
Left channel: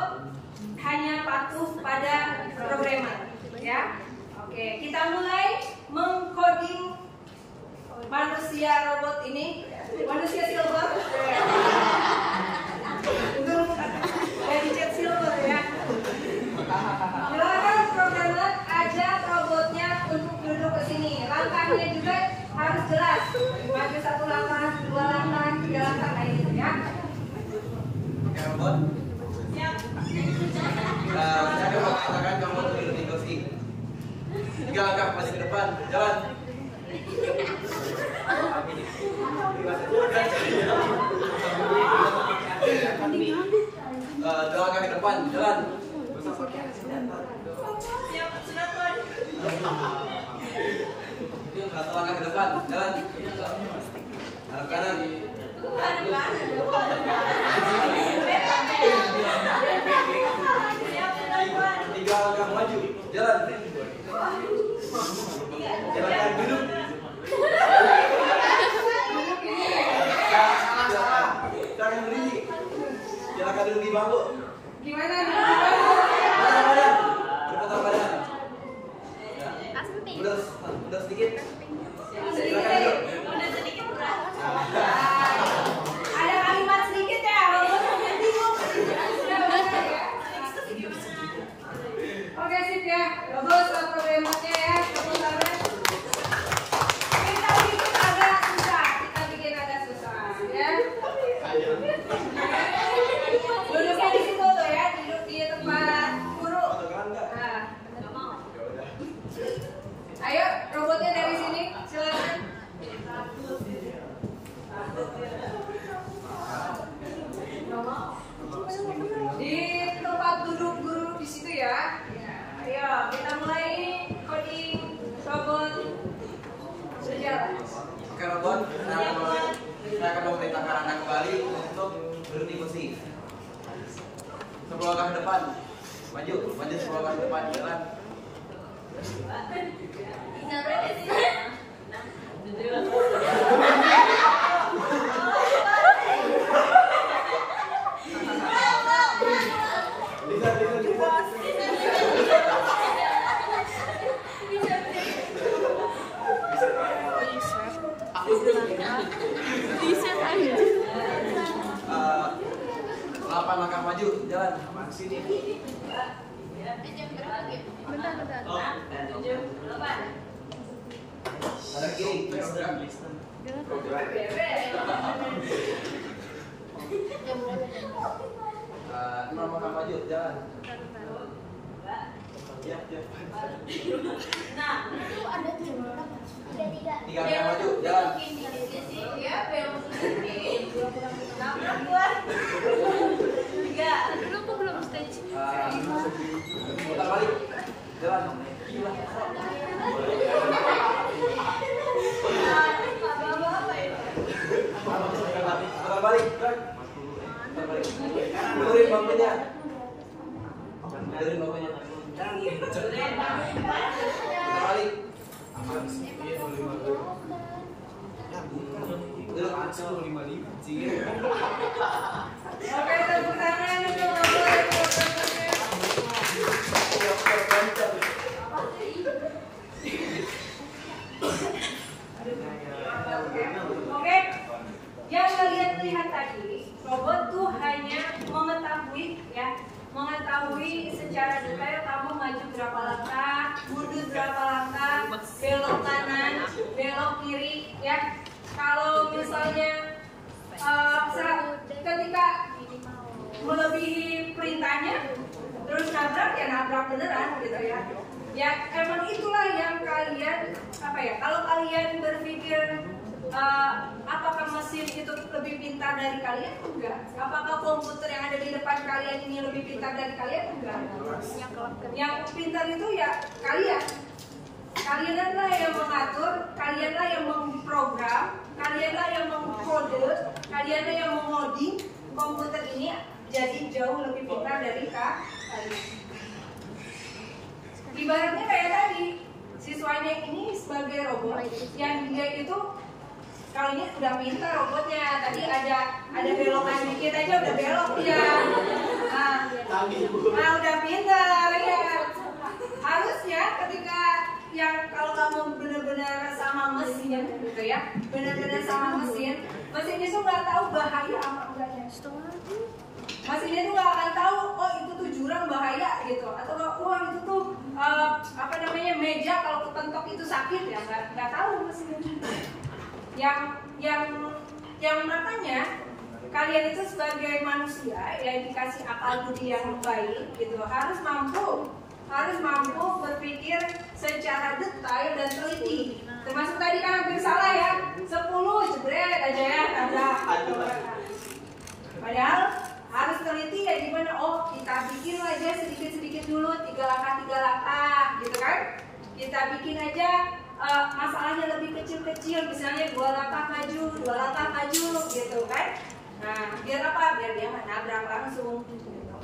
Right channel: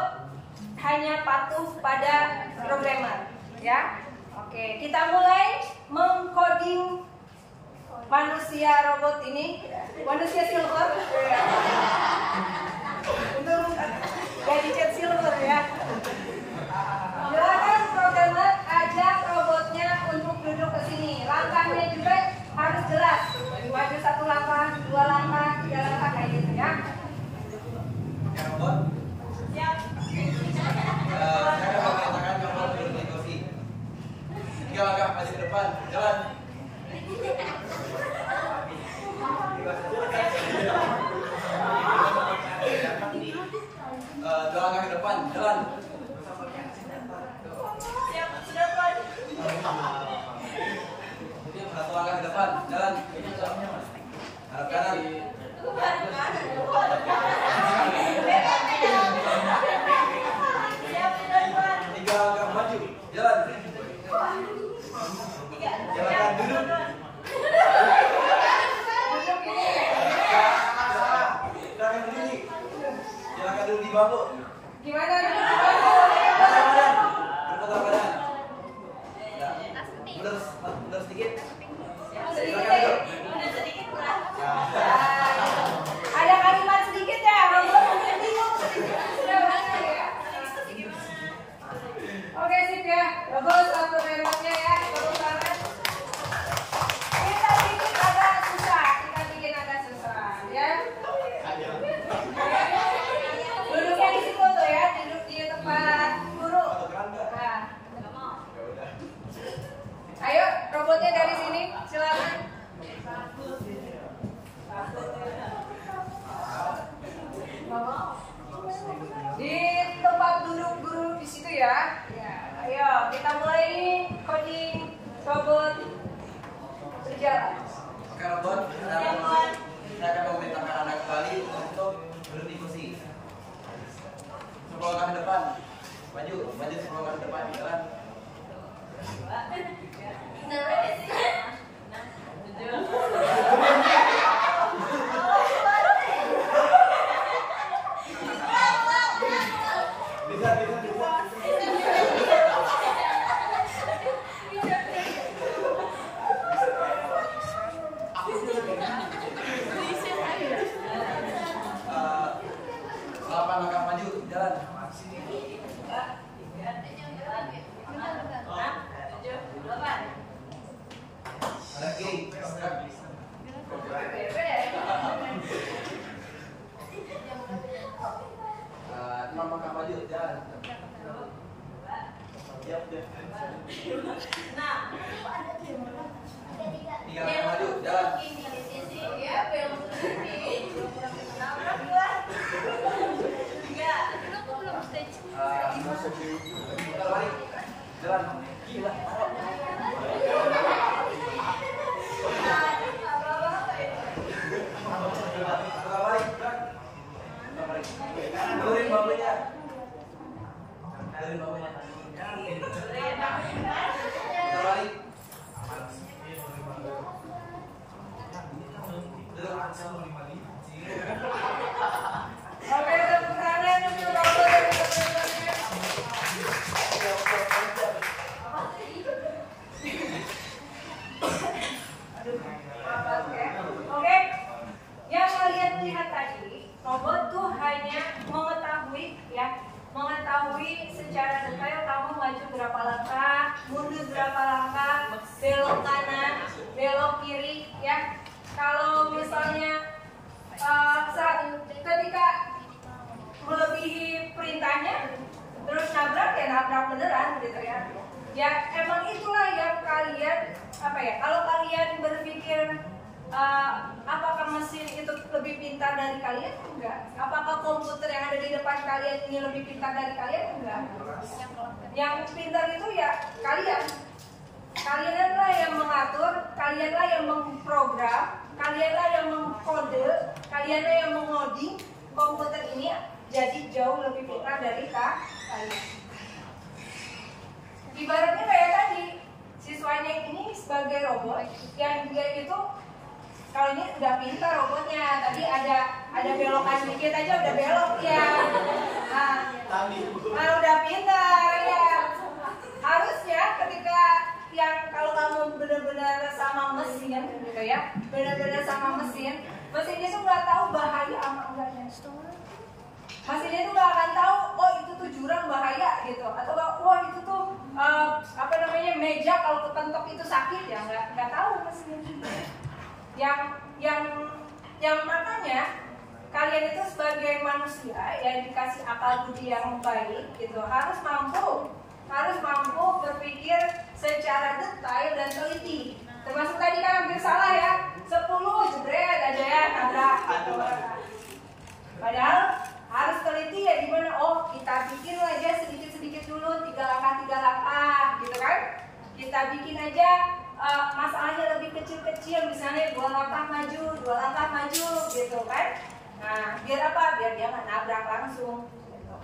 hanya patuh pada programmer ya. Oke, kita mulai mengcoding manusia robot ini, manusia silver. Itu gadget silver ya. Silakan programmer ajak robotnya untuk duduk ke sini. Langkahnya juga harus jelas. Maju 1 langkah, 2 langkah, 3 langkah kayak gitu ya. Robot. Siap. Tangan kamu duduk di kursi. 3 langkah masih ke depan. Jalan. depan, jalan. Siap, sudah tuan. Satu langkah ke depan, jalan. Arah kanan. Siap, sudah tuan. 3 langkah maju, jalan. Jalan duduk. Tangan berdiri. Silakan duduk di bangku. Gimana? Pasang badan. Berpotong badan. Ya. Mundur sedikit. Sedikit deh. Udah sedikit berat. Ada kalimat sedikit ya, Robot mungkin bingung. Oke sip ya, Robot satu remote-nya ya, tepuk tangan. Kita bikin agak susah ya. Duduknya di situ tuh ya, duduk di tempat guru. Nah. Ayo, robotnya dari sini, silakan. Di tempat duduk guru di situ ya. Ayo, kita mulai ini coding robot berjalan. Oke, robot. Saya akan memerintahkan Anda kembali untuk berhenti kursi. 10 langkah ke depan. Maju 10 langkah ke depan, jalan. Delapan langkah maju, jalan. Sini. Ada kiri. 6 langkah maju, jalan. Siap. 3 langkah maju, jalan. Putar balik, jalan. Putar balik, gerak. Putar balik. Turunin bangkunya. Turunin bangkunya. Putar balik. Duduk. Oke, tepuk tangan untuk robot dan robotnya. Oke, yang kalian lihat tadi, robot tuh hanya mengetahui secara detail kamu maju berapa langkah, mundur berapa langkah, belok kanan, belok kiri, ya. Kalau misalnya ketika melebihi perintahnya, terus nabrak ya nabrak beneran gitu ya. Ya emang itulah yang kalian kalau kalian berpikir apakah mesin itu lebih pintar dari kalian? Enggak. Apakah komputer yang ada di depan kalian ini lebih pintar dari kalian? Enggak. Yang pintar itu ya kalian. Kalianlah yang mengatur, kalianlah yang memprogram, kalianlah yang mengkode, kalianlah yang mengoding komputer ini jadi jauh lebih pintar dari kalian. Ibaratnya kayak tadi, siswanya ini sebagai robot yang dia itu kalau ini udah pintar robotnya, tadi ada belokan dikit aja udah belok dia. Nah udah pintar ya. Harusnya ketika yang kalau kamu benar-benar sama mesin gitu ya, benar-benar sama mesin itu nggak tahu bahaya apa enggaknya. Mesinnya itu nggak akan tahu, oh itu tuh jurang bahaya gitu, atau wah itu tuh meja kalau kepentok itu sakit ya, nggak tahu mesinnya juga. Yang makanya kalian itu sebagai manusia yang dikasih akal budi yang baik gitu harus mampu berpikir secara detail dan teliti. Termasuk tadi kan hampir salah ya, 10 jebret aja ya tabrak. Padahal harus teliti ya gimana. Oh, kita bikin aja sedikit-sedikit dulu, 3 langkah gitu kan. Kita bikin aja masalahnya lebih kecil-kecil, misalnya 2 langkah maju, 2 langkah maju gitu kan. Nah, biar apa? Biar dia nggak nabrak langsung gitu.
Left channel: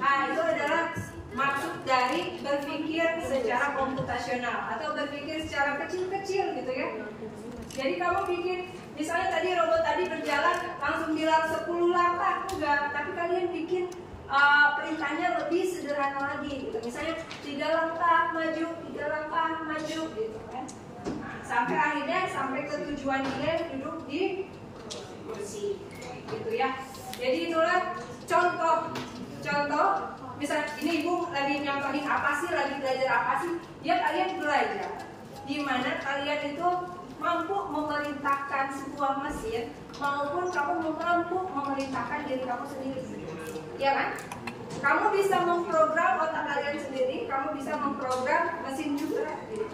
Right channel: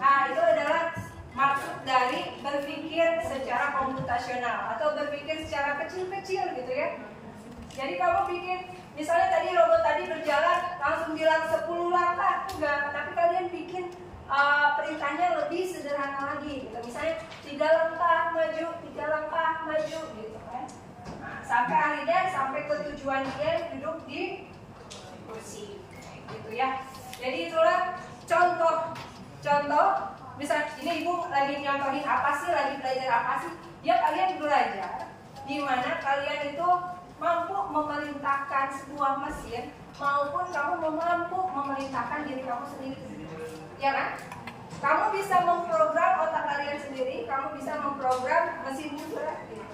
Nah, itu adalah maksud dari berpikir secara komputasional atau berpikir secara kecil-kecil gitu ya. Jadi kamu bikin, misalnya tadi robot tadi berjalan langsung bilang 10 langkah, enggak, tapi kalian bikin perintahnya lebih sederhana lagi gitu. Misalnya 3 langkah maju, 3 langkah maju gitu kan. Nah, sampai akhirnya sampai ke tujuan dia duduk di kursi gitu ya. Jadi itulah contoh. Misal ini ibu lagi nyontohin apa sih, lagi belajar apa sih? Ya kalian belajar di mana kalian itu mampu memerintahkan sebuah mesin maupun kamu mampu memerintahkan diri kamu sendiri. Ya kan? Kamu bisa memprogram otak kalian sendiri, kamu bisa memprogram mesin juga gitu.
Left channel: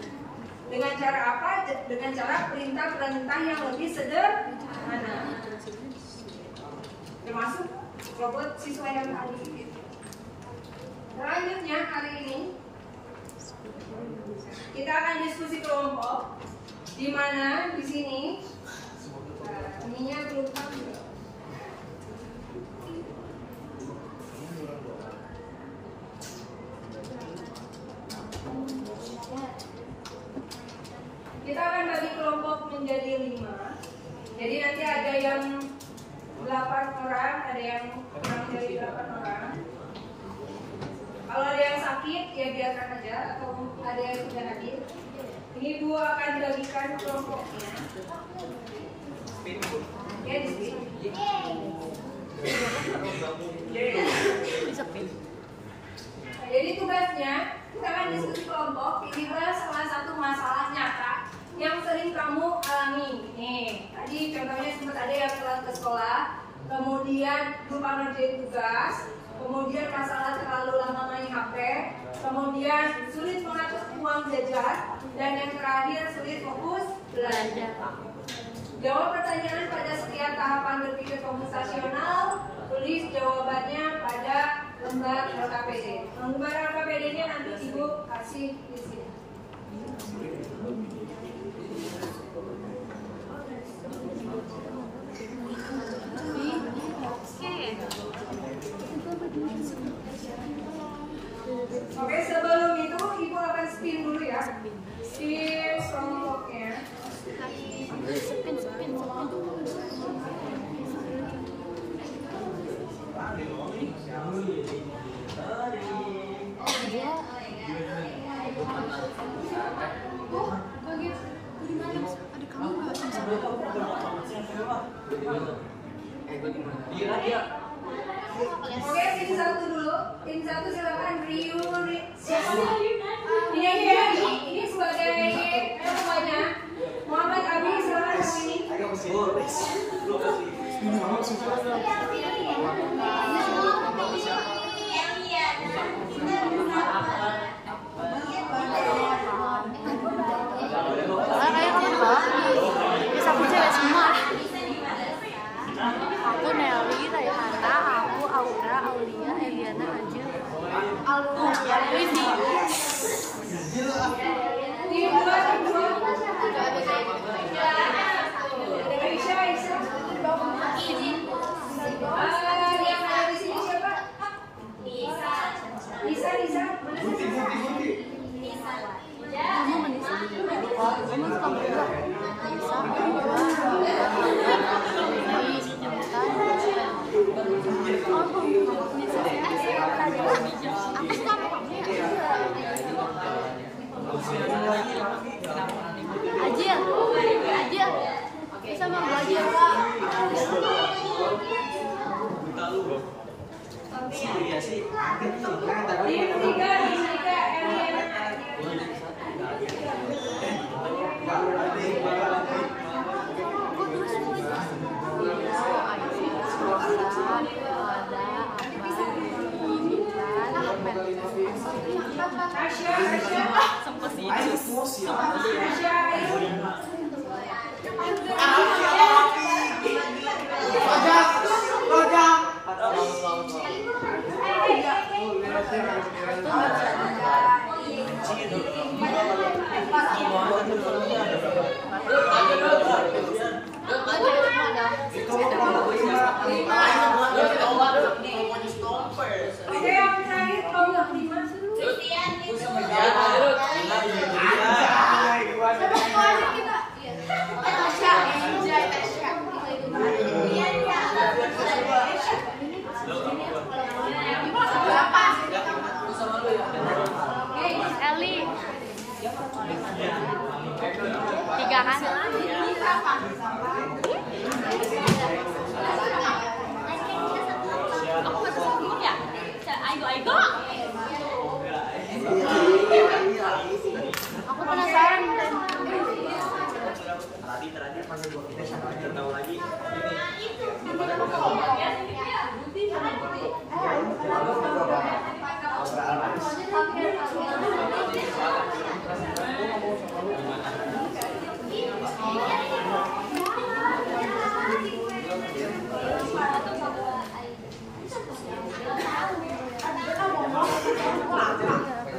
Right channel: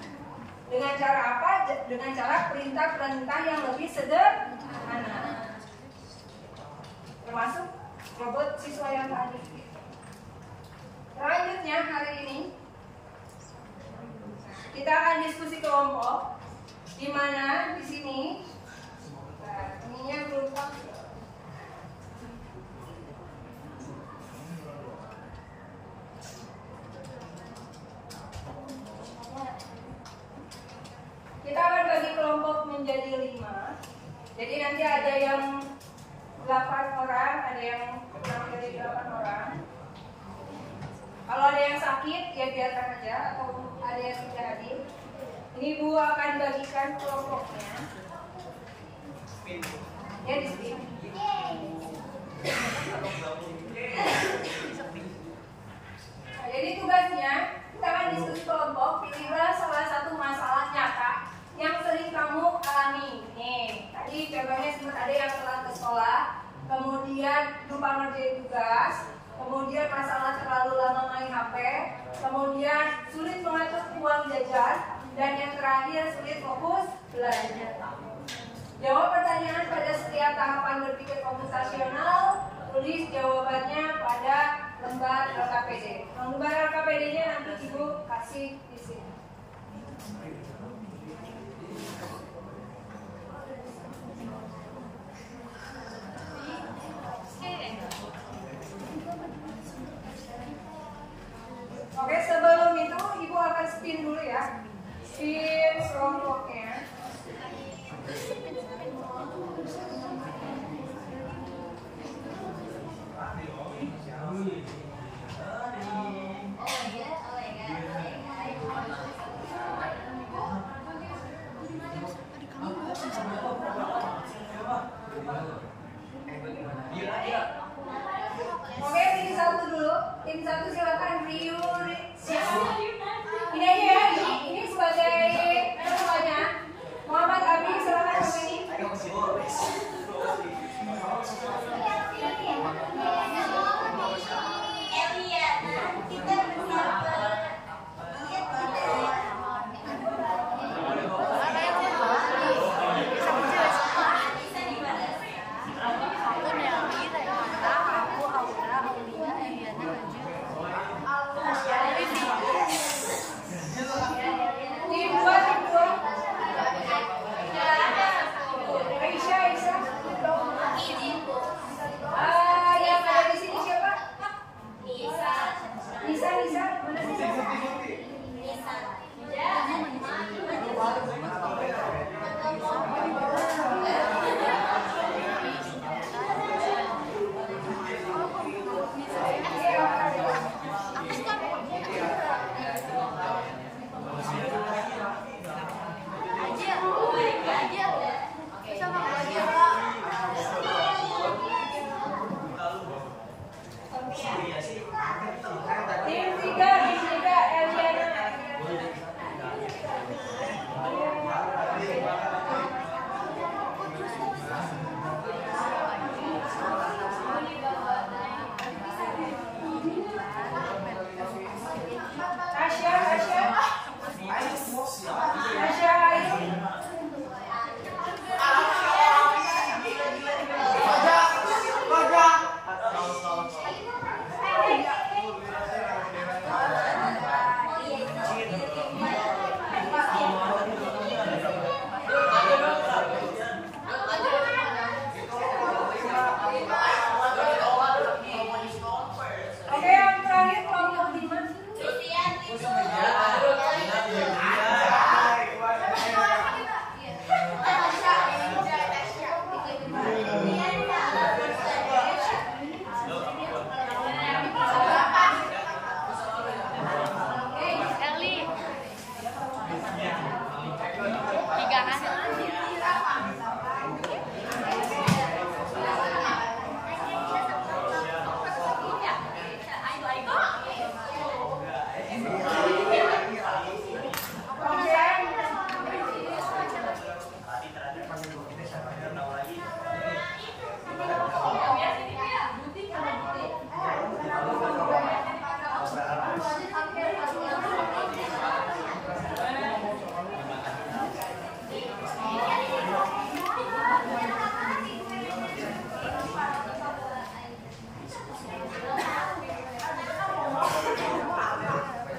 Dengan cara apa? Dengan cara perintah-perintah yang lebih sederhana. Termasuk robot siswa yang tadi gitu. Selanjutnya hari ini kita akan diskusi kelompok, di mana di sini ininya belum tampil. Kita akan bagi kelompok menjadi 5. Jadi nanti ada yang 8 orang, ada yang kurang dari 8 orang. Kalau ada yang sakit ya biarkan aja, atau ada yang tidak hadir. Ini Bu akan bagikan kelompoknya. Ya di sini. Nah, jadi tugasnya kita akan diskusi kelompok. Pilihlah salah satu masalah nyata yang sering kamu alami. Nih, tadi contohnya sempat ada yang telat ke sekolah, kemudian lupa ngerjain tugas, kemudian masalah terlalu lama main HP, kemudian sulit mengatur uang jajan, dan yang terakhir sulit fokus belajar. Jawab pertanyaan pada setiap tahapan berpikir komputasional, tulis jawabannya pada lembar LKPD. Lembar LKPD-nya nanti Ibu kasih di sini. Oke, sebelum itu Ibu akan spin dulu ya. Spin kelompoknya. Oke, tim 1 dulu. Tim 1 silakan Rio. Siapa? Ini aja ya. Ini sebagai ketuanya. Muhammad Abi silakan ini. Aku Nelly, Raihana, aku Aura, Aulia, Eliana, Anju, Windy. Tim 2. Aisyah. Yang ada di sini siapa? Nisa. Mana Nisa? Aku suka sama kamu ya? Ajil. Sama Ajil. Tim 3 Eliana.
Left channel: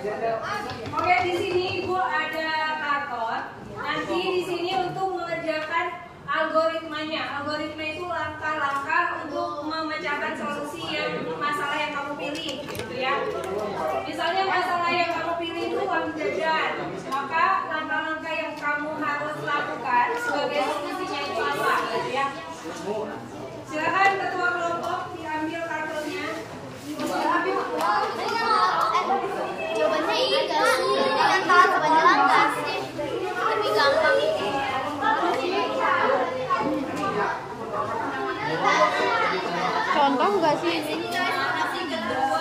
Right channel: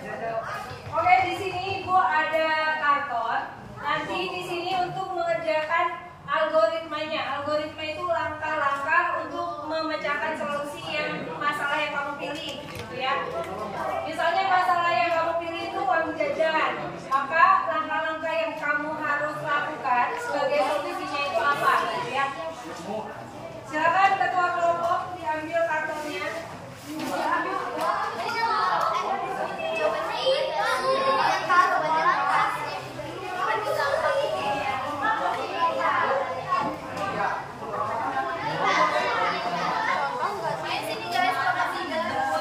Oke, di sini Ibu ada karton. Nanti di sini untuk mengerjakan algoritmanya. Algoritma itu langkah-langkah untuk memecahkan solusi masalah yang kamu pilih, gitu ya. Misalnya masalah yang kamu pilih itu uang jajan, maka langkah-langkah yang kamu harus lakukan sebagai solusinya itu apa, gitu ya. Silakan ketua kelompok diambil kartonnya. Jawabannya iya gak sih? Yang salah sebenarnya langkah sih. Lebih gampang. Contoh nggak sih? Sini guys, nomor 2.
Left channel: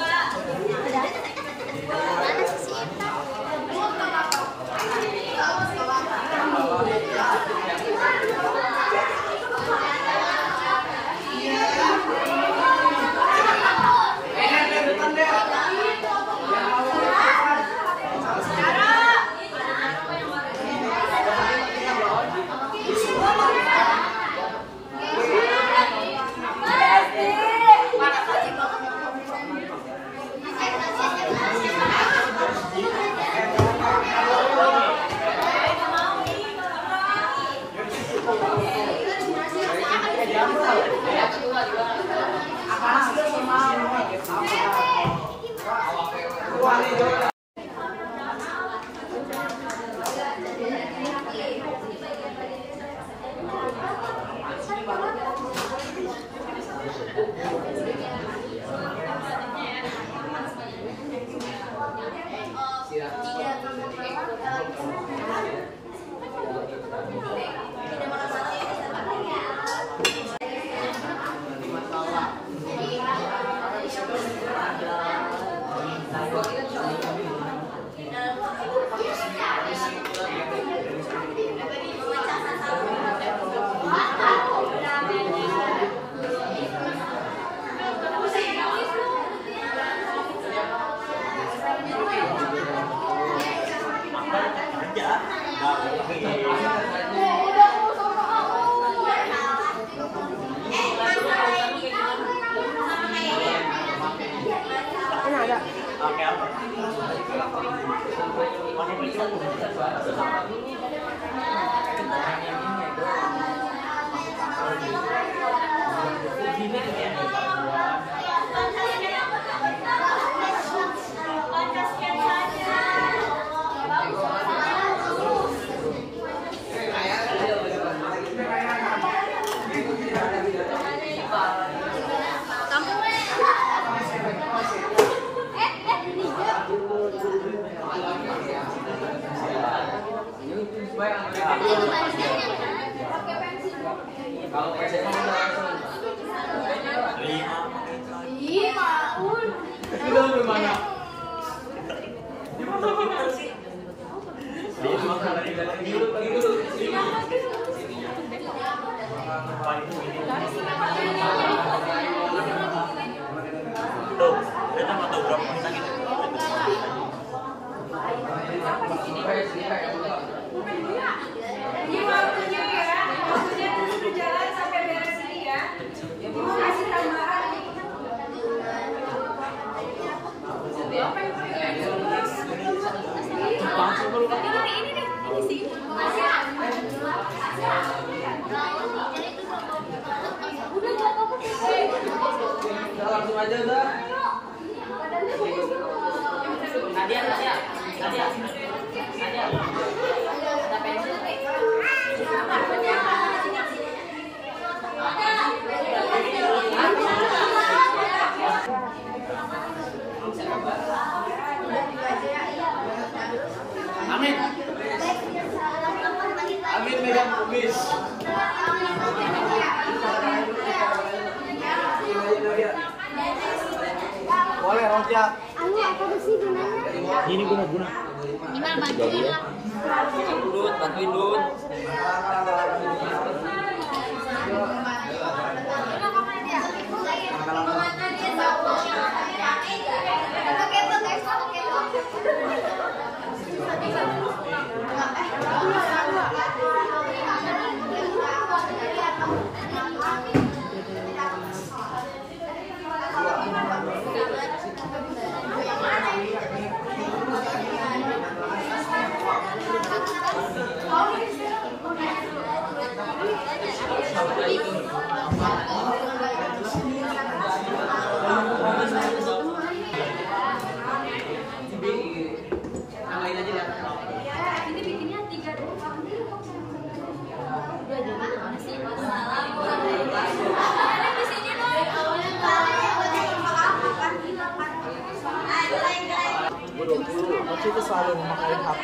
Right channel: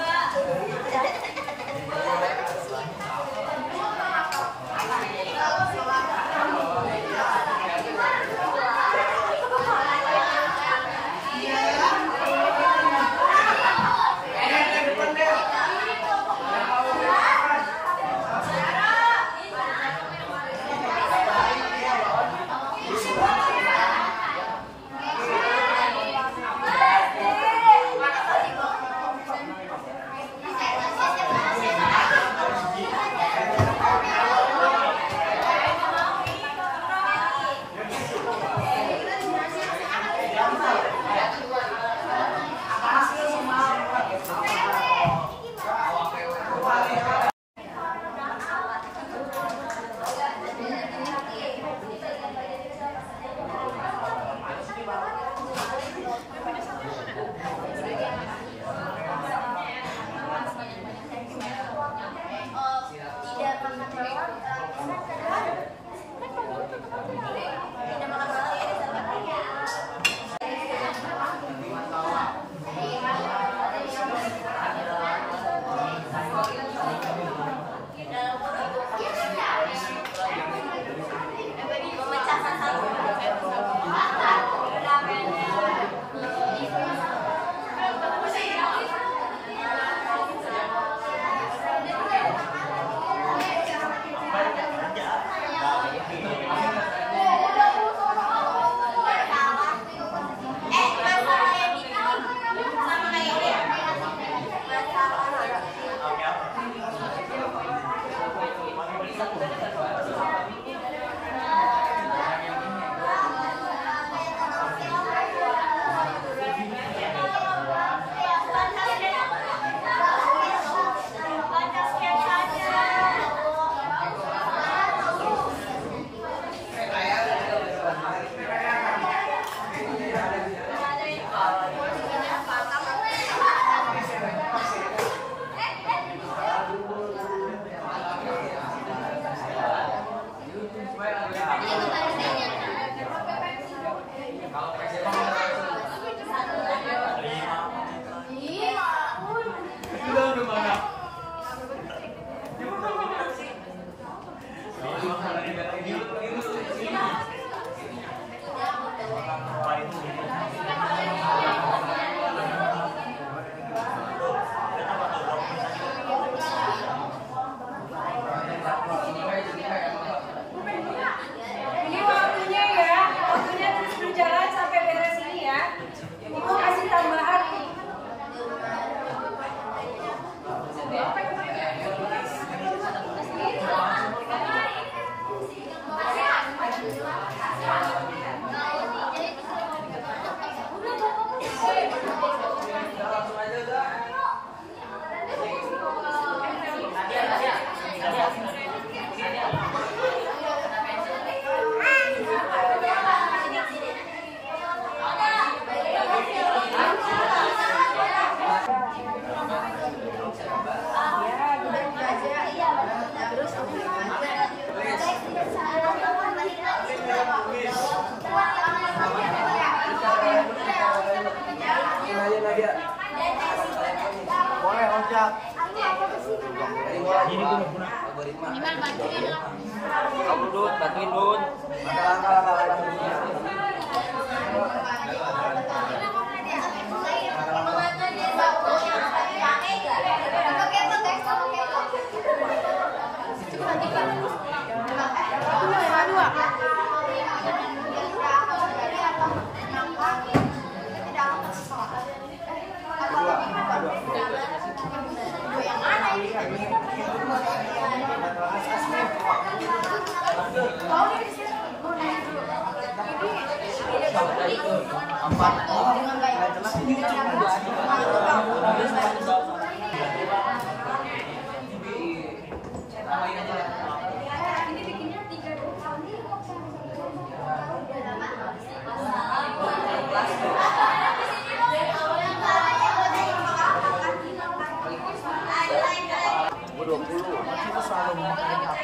juga 20. Kita selalu mintain dan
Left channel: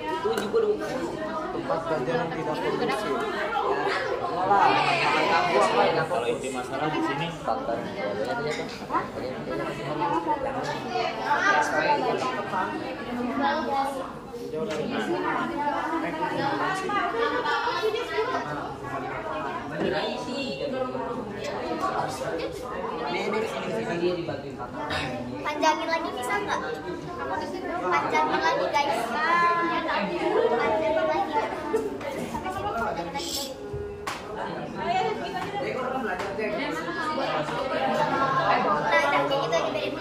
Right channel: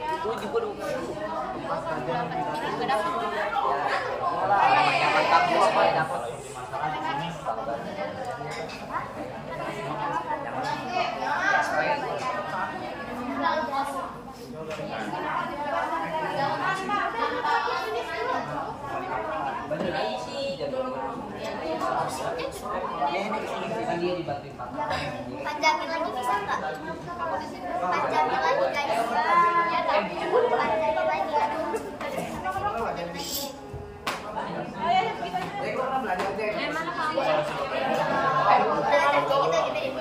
itu juga 20. Kalau inti masalah di sini ya supaya ini dibantuin Pak. Panjangin lagi bisa nggak? Panjangin lagi guys. Panjangin lagi. Sampai sini panjangin lagi. Nah, kita gedein.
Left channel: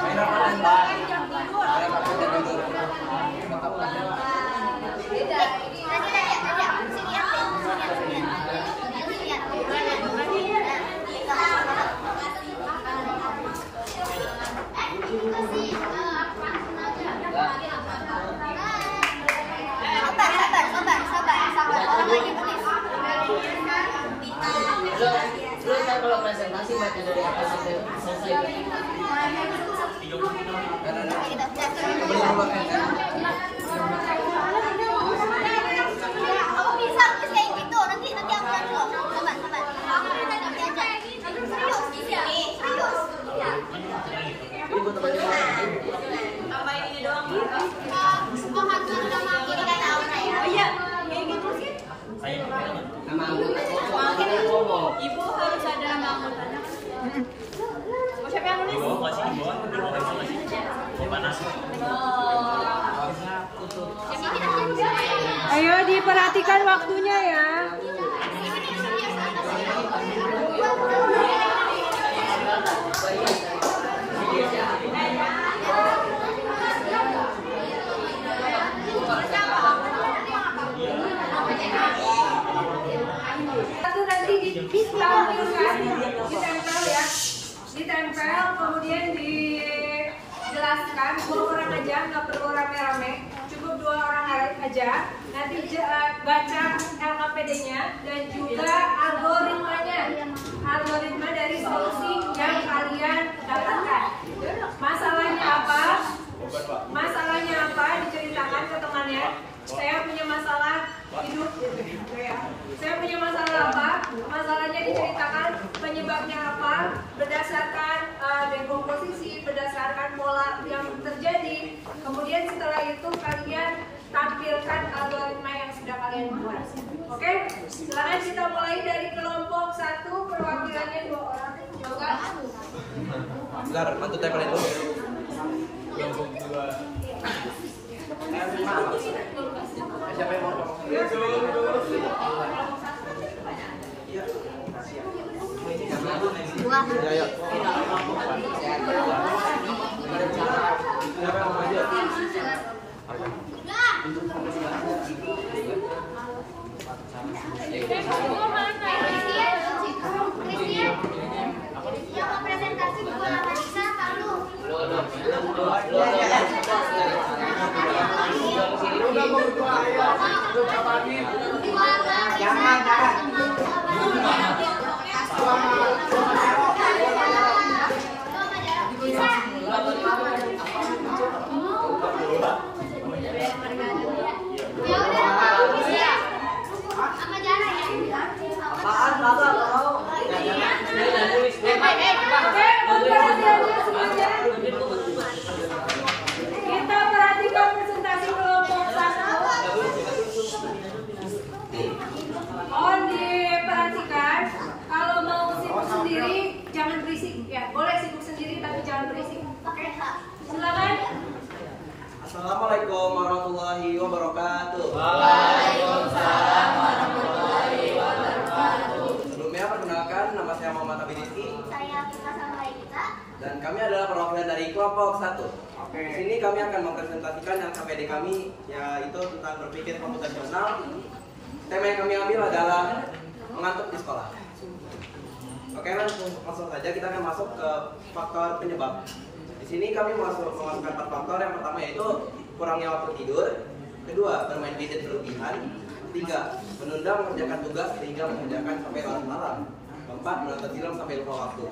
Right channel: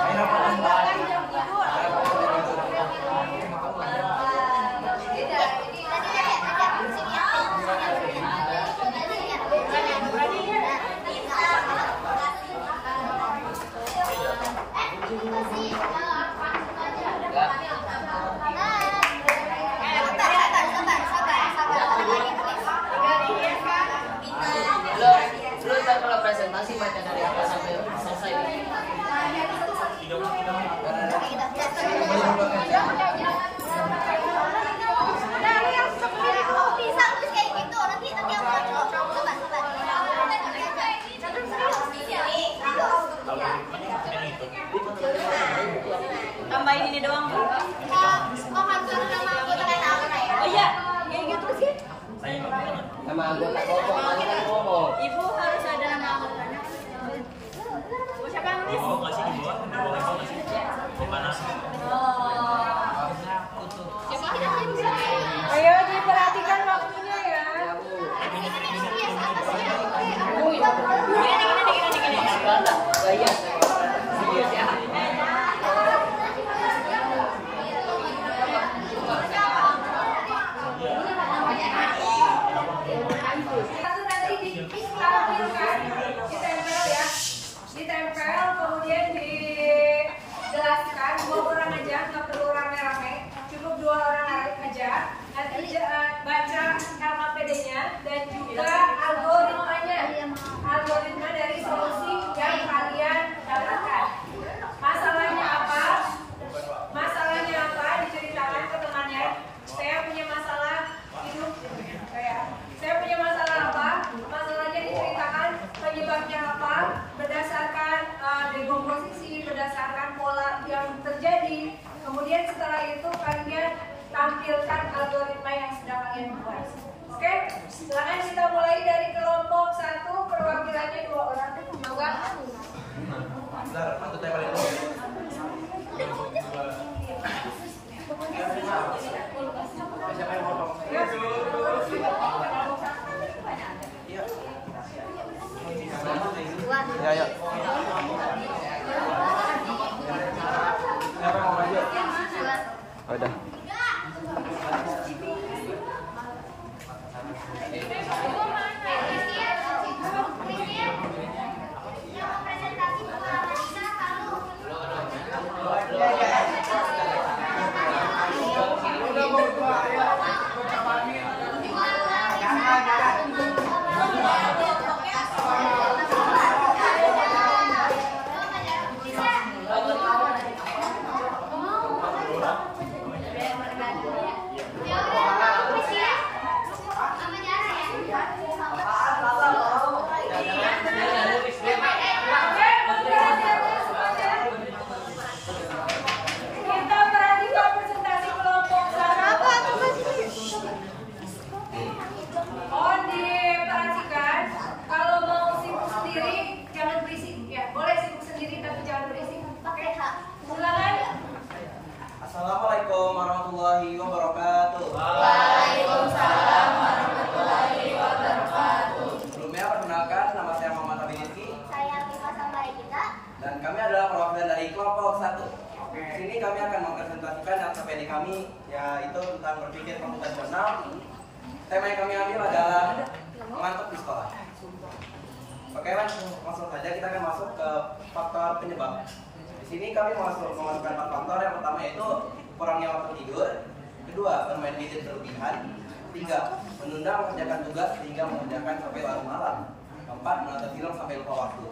Main apa tentang? Main apa tidur? Sabar. Orang lagi tulis. Lu ntar kalau presentasi baca dari atas sampai selesai. Kembali nomor kan? Kamu bisa tulis kayak gitu. Nanti aku bantu loh. Sabar. Nanti aja. Serius. Tambahin ini doang nih. Ini kan Aura ya. Oh iya, kayak gitu sih. Nama anggota kelompok tadi kan ngomong. Ibu harus ada nama anggotanya. Oh, siapa yang nulis? Oh, masih di bawah. Oh, panas. Ayo diperhatikan waktunya ya. Itu nanti ditempel ya, ditempel kemudian dijelaskan 2 orang aja, nggak perlu rame-rame, cukup 2 orang aja. Nanti baca LKPD-nya dan juga algoritma dari solusi yang kalian dapatkan. Masalahnya apa diceritakan ke temannya. Saya punya masalah hidup, saya punya masalah apa, masalahnya diceritakan, penyebabnya apa, berdasarkan dekomposisi, berdasarkan pola yang terjadi. Kemudian setelah itu kalian tampilkan algoritma yang sudah kalian buat. Oke, silakan kita mulai dari kelompok 1, perwakilannya 2 orang. Mangga. Bentar, bantu tempelin dulu. Siapa yang mau ngomong? Iya. Dua. Ya. Siapa yang mau maju? Dua. Udah. Kita perhatikan presentasi kelompok 1. Mohon diperhatikan, kalau mau sibuk sendiri jangan berisik ya. Boleh sibuk sendiri tapi jangan berisik. Oke, silakan. Assalamualaikum warahmatullahi wabarakatuh. Waalaikumsalam warahmatullahi wabarakatuh. Sebelumnya perkenalkan, nama saya Muhammad Abi Rizky Saya Viva Sambaikita. dan kami adalah perwakilan dari kelompok 1. Di sini kami akan mempresentasikan yang LKPD kami, yaitu tentang berpikir komputasional. Tema yang kami ambil adalah mengantuk di sekolah. Oke, langsung saja kita akan masuk ke faktor penyebab. Di sini kami memasukkan 4 faktor. Yang pertama yaitu kurangnya waktu tidur, kedua bermain gadget berlebihan, Ketiga, menunda mengerjakan tugas sehingga mengerjakan sampai larut malam. Keempat, menonton film sampai lupa waktu.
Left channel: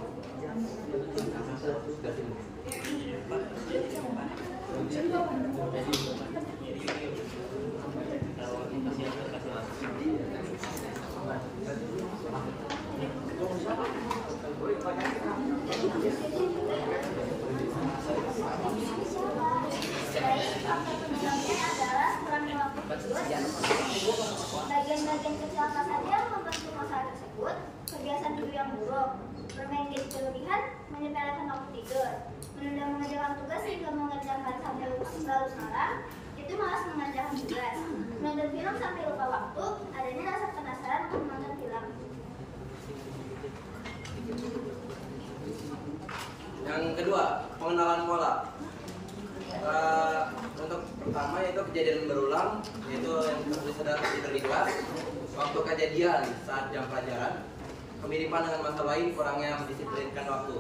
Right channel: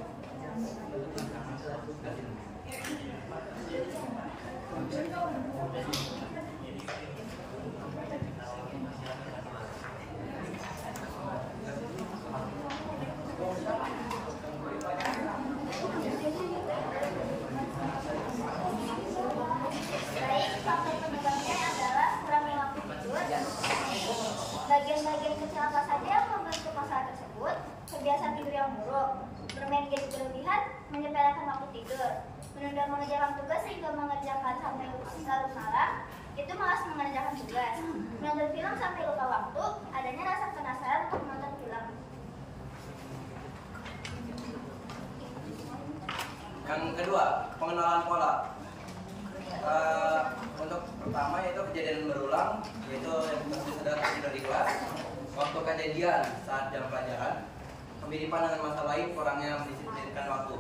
Baik, faktor penyebabnya adalah kurangnya waktu tidur. Bagian-bagian kecil apa saja yang membentuk masalah tersebut? Kebiasaan tidur yang buruk, bermain gadget berlebihan, menyepelekan waktu tidur, menunda mengerjakan tugas hingga mengerjakan sampai larut malam, itu malas mengerjakan tugas, menonton film sampai lupa waktu, adanya rasa penasaran untuk menonton film. Yang kedua, pengenalan pola. Untuk pertama yaitu kejadian berulang, yaitu yang tertulis ada tidur di kelas, waktu kejadian saat jam pelajaran, kemiripan dengan masa lain, kurangnya mendisiplinkan waktu.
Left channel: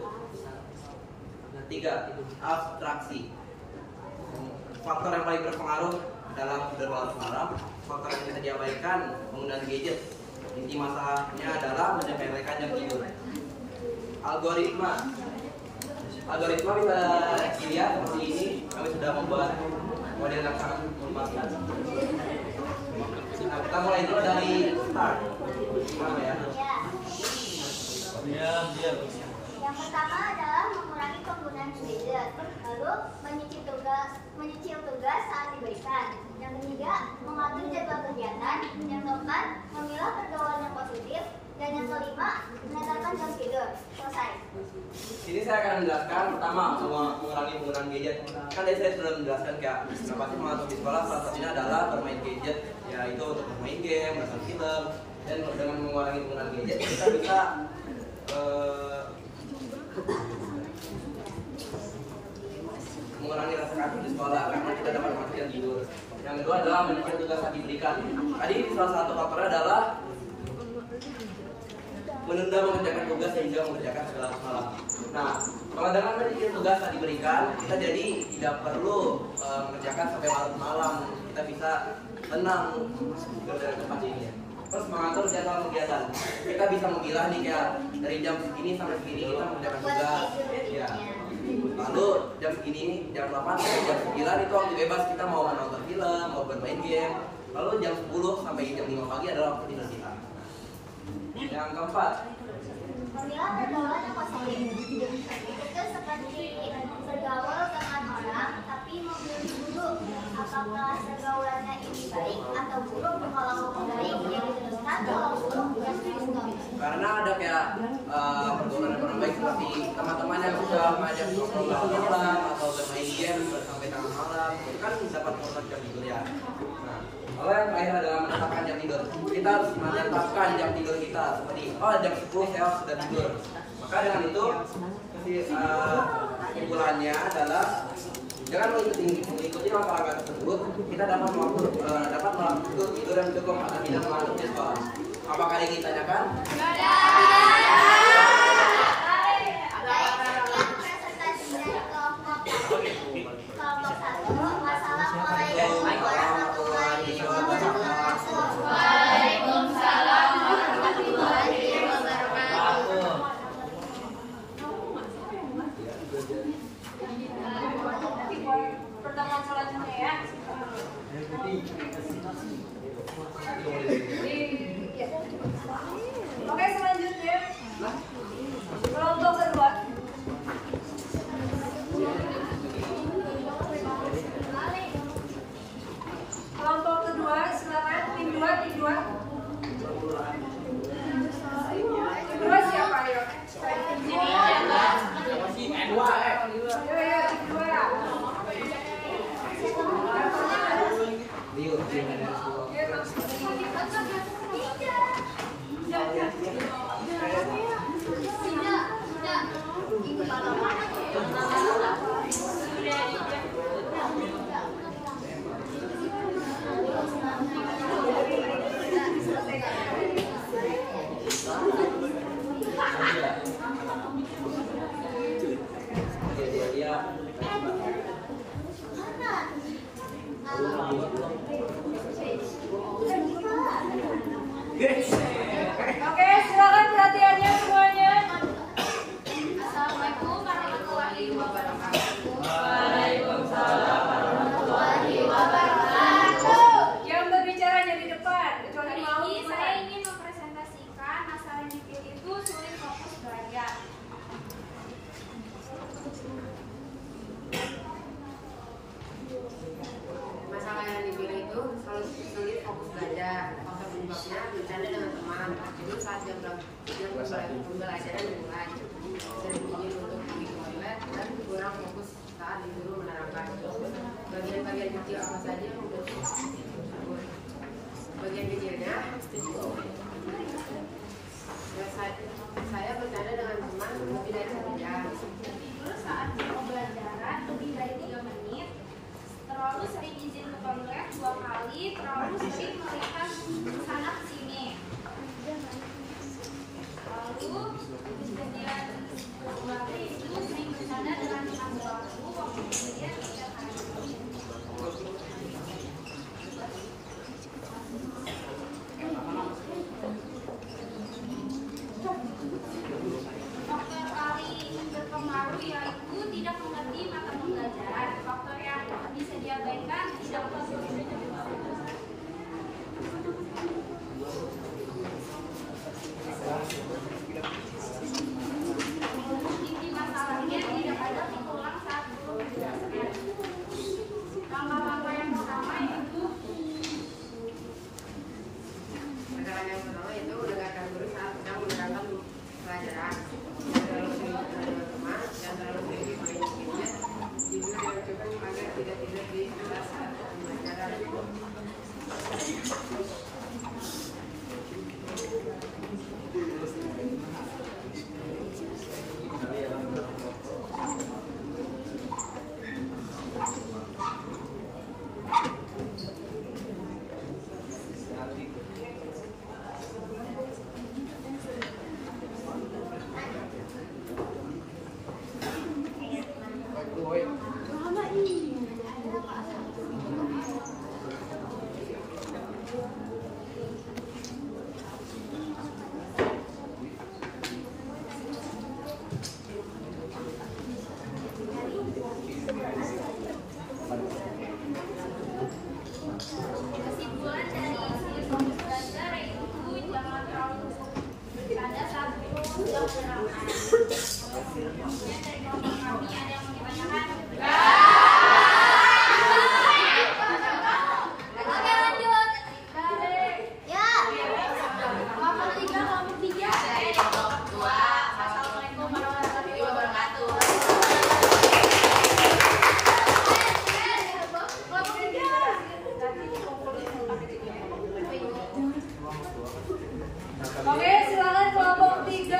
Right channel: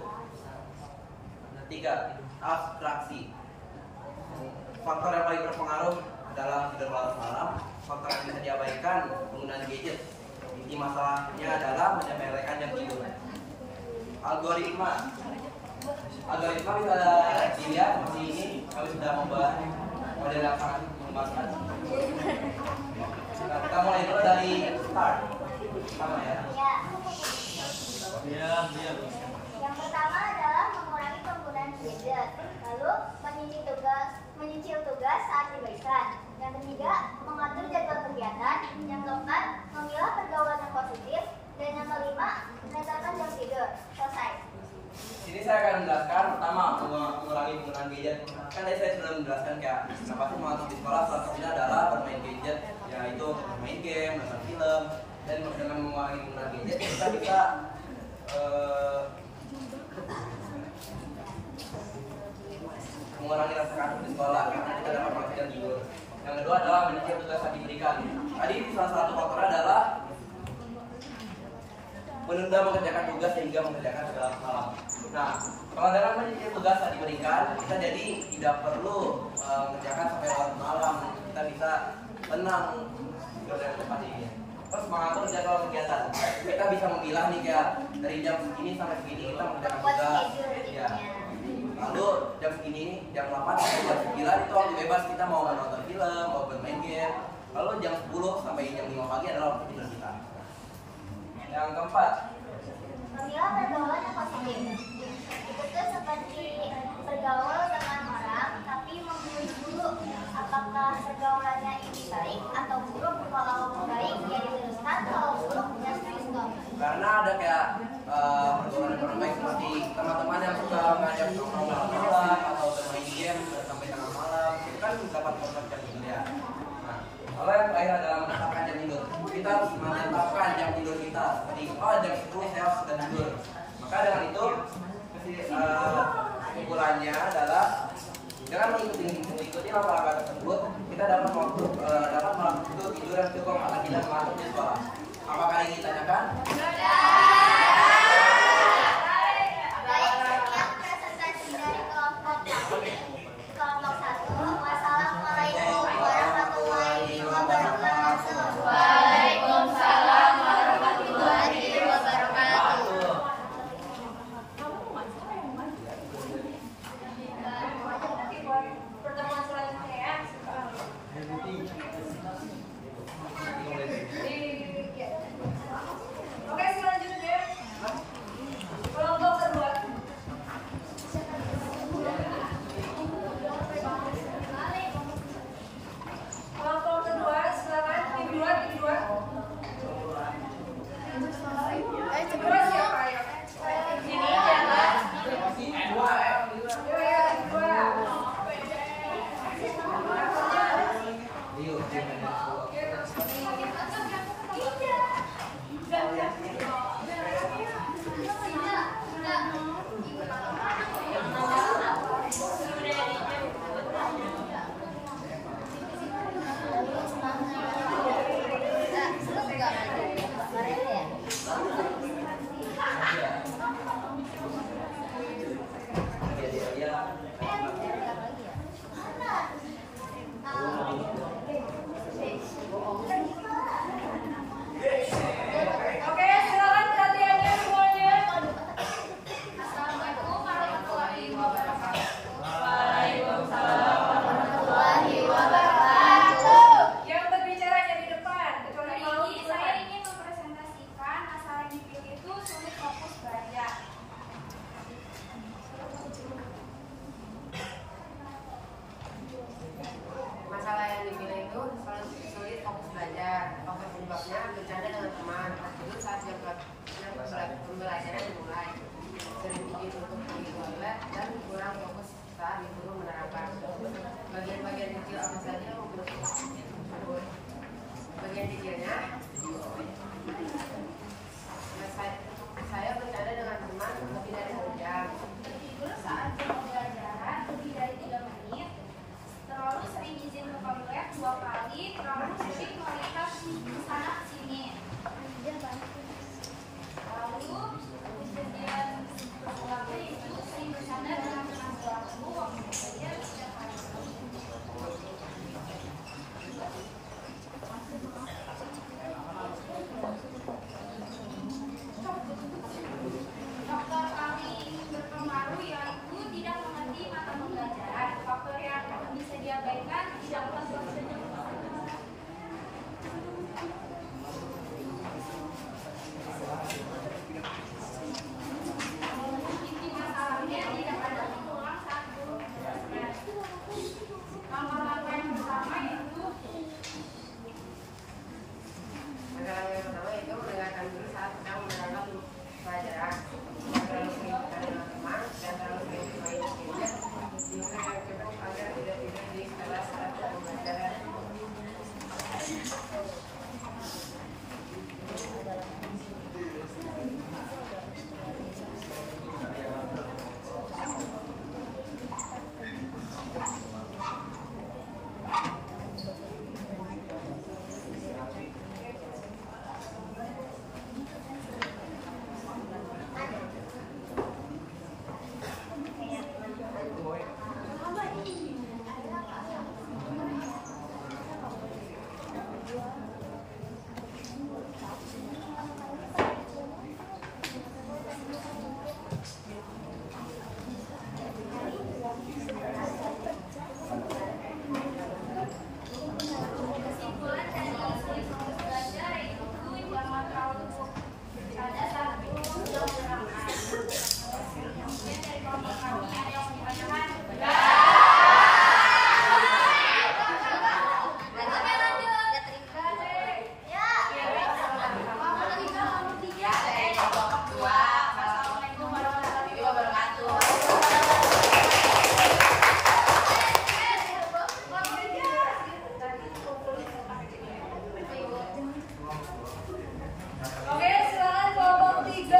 Tiga, abstraksi. Faktor yang paling berpengaruh adalah tidur larut malam. Faktor yang bisa diabaikan, penggunaan gadget. Inti masalahnya adalah menyepelekan jam tidur. Algoritma bisa dilihat seperti ini. Kami sudah membuat model yang sangat mengembangkan. Nah, kita mulai dulu dari start. Mana ya? Yang pertama adalah mengurangi penggunaan gadget, lalu menyicil tugas saat diberikan. Yang ketiga, mengatur jadwal kegiatan. Yang keempat, memilah pergaulan yang positif. Dan yang kelima, menetapkan jam tidur. Selesai. Sini saya akan menjelaskan pertama mengurangi penggunaan gadget. Kan tadi saya sudah menjelaskan kayak kenapa sih mengatur di sekolah. Salah satunya adalah bermain gadget, yaitu untuk bermain game, menonton film. Dan dengan mengurangi penggunaan gadget kita bisa mengurangi rasa kantuk di sekolah karena kita dapat menghasilkan tidur. Yang kedua adalah menyicil tugas saat diberikan. Tadi salah satu faktor adalah menunda mengerjakan tugas sehingga mengerjakan segala malam. Nah, kalau dengan menyicil tugas saat diberikan, kita jadi tidak perlu mengerjakan sampai larut malam. Kita bisa tenang dengan tempat ini. Terus mengatur jadwal kegiatan. Kita bisa memilah nih kayak dari jam segini sampai segini kita mengerjakan tugas. Ya. Lalu jam segini, jam 8 sampai jam 9 itu waktu bebas kita mau menonton film, mau bermain game. Lalu jam 10 sampai jam 5 pagi adalah waktu tidur kita. Yang keempat, Memilah pergaulan yang positif. Itu seperti bergaul dengan orang, tapi memilih dulu apakah pergaulannya ini baik atau buruk. Kalau baik ya diteruskan, kalau buruk ya di-stop. karena ada kayak pergaulan yang kurang baik seperti teman-teman yang suka mengajak nongkrong malam atau bermain game sampai tengah malam, itu kan dapat merusak jam tidur ya. Nah, kalau yang terakhir adalah menetapkan jam tidur. Kita harus menetapkan jam tidur kita seperti jam 10 saya sudah tidur. Maka dengan itu kesimpulannya adalah dengan mengikuti langkah-langkah tersebut, kita dapat waktu tidur yang cukup agar tidak mengantuk di sekolah. Apakah ada yang ingin ditanyakan? Baik, sekian presentasi dari kelompok 1. Wassalamualaikum warahmatullahi wabarakatuh. Waalaikumsalam warahmatullahi wabarakatuh. Pertemuan selanjutnya ya. Oke, selanjutnya kelompok kedua. Kelompok kedua, silakan tim 2, tim 2. Tim 2 siapa ya? Ayo, tim 2. belajar. Faktor penyebabnya bercanda dengan teman, tertidur saat jam pembelajaran dimulai, sering ingin untuk pergi ke toilet, dan kurang fokus saat guru menerangkan. Bagian-bagian kecil apa saja yang membentuk tersebut? Bagian kecilnya, saya bercanda dengan teman lebih dari 1 jam. Tertidur saat jam pembelajaran lebih dari 3 menit. Terlalu sering izin ke toilet 2 kali. Terlalu sering melihat kesana kesini. Lalu kejadian berulangnya itu sering bercanda dengan teman baru waktu kejadian setiap hari. Faktor paling berpengaruh yaitu tidak mengerti mata pembelajaran. Faktor yang bisa diabaikan tidak mengerti. Inti masalahnya tidak ada pengulang saat guru menjelaskan. Langkah-langkah yang pertama yaitu Masalah yang pertama itu mendengarkan guru saat sedang menerangkan pelajaran. Jangan terlalu sering bercanda dengan teman, dan terlalu sering bermain gadget. Tidur yang cukup agar tidak tidur di kelas saat pembelajaran. kesimpulan dari sulit fokus belajar yaitu jangan terlalu bercanda saat guru sedang menerangkan. Kemudian dari kelompok kami ada yang mau ditanyakan? Oke lanjut. Ya. Kelompok 3, kelompok 3. Dari kelompok 2. Assalamualaikum warahmatullahi Wabarakatuh. Kelompok 3. Oke, silakan kelompok 3.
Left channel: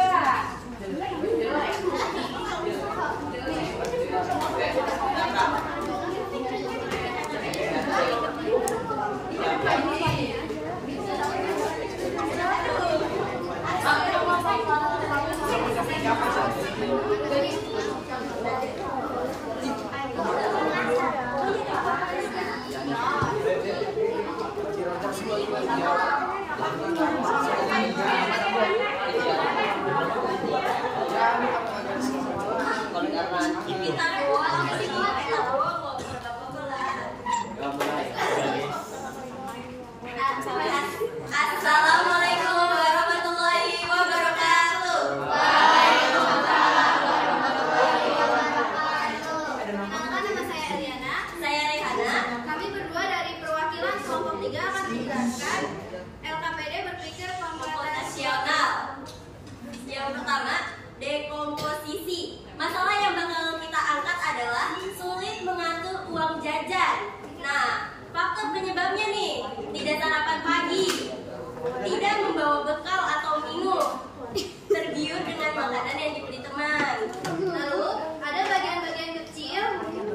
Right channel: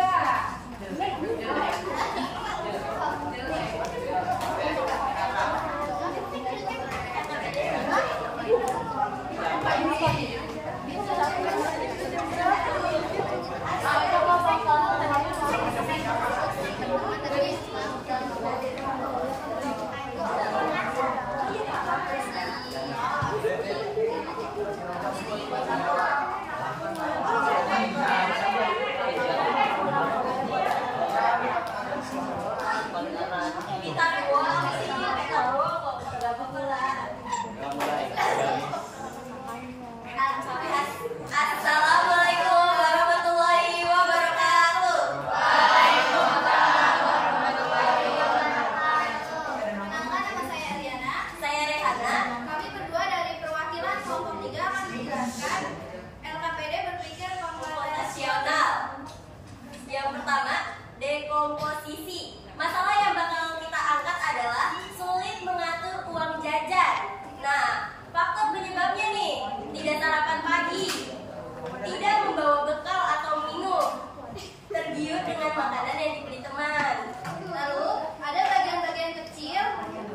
Assalamualaikum warahmatullahi wabarakatuh. Perkenalkan, nama saya Eliana. Saya Rehana. Kami berdua dari perwakilan kelompok 3 akan menjelaskan LKPD berpikir Komputasional. Yang pertama, dekomposisi. Masalah yang bakal kita angkat adalah sulit mengatur uang jajan. Nah, faktor penyebabnya nih, tidak sarapan pagi, tidak membawa bekal atau minum, tergiur dengan makanan yang dibeli teman. Lalu ada bagian-bagian kecil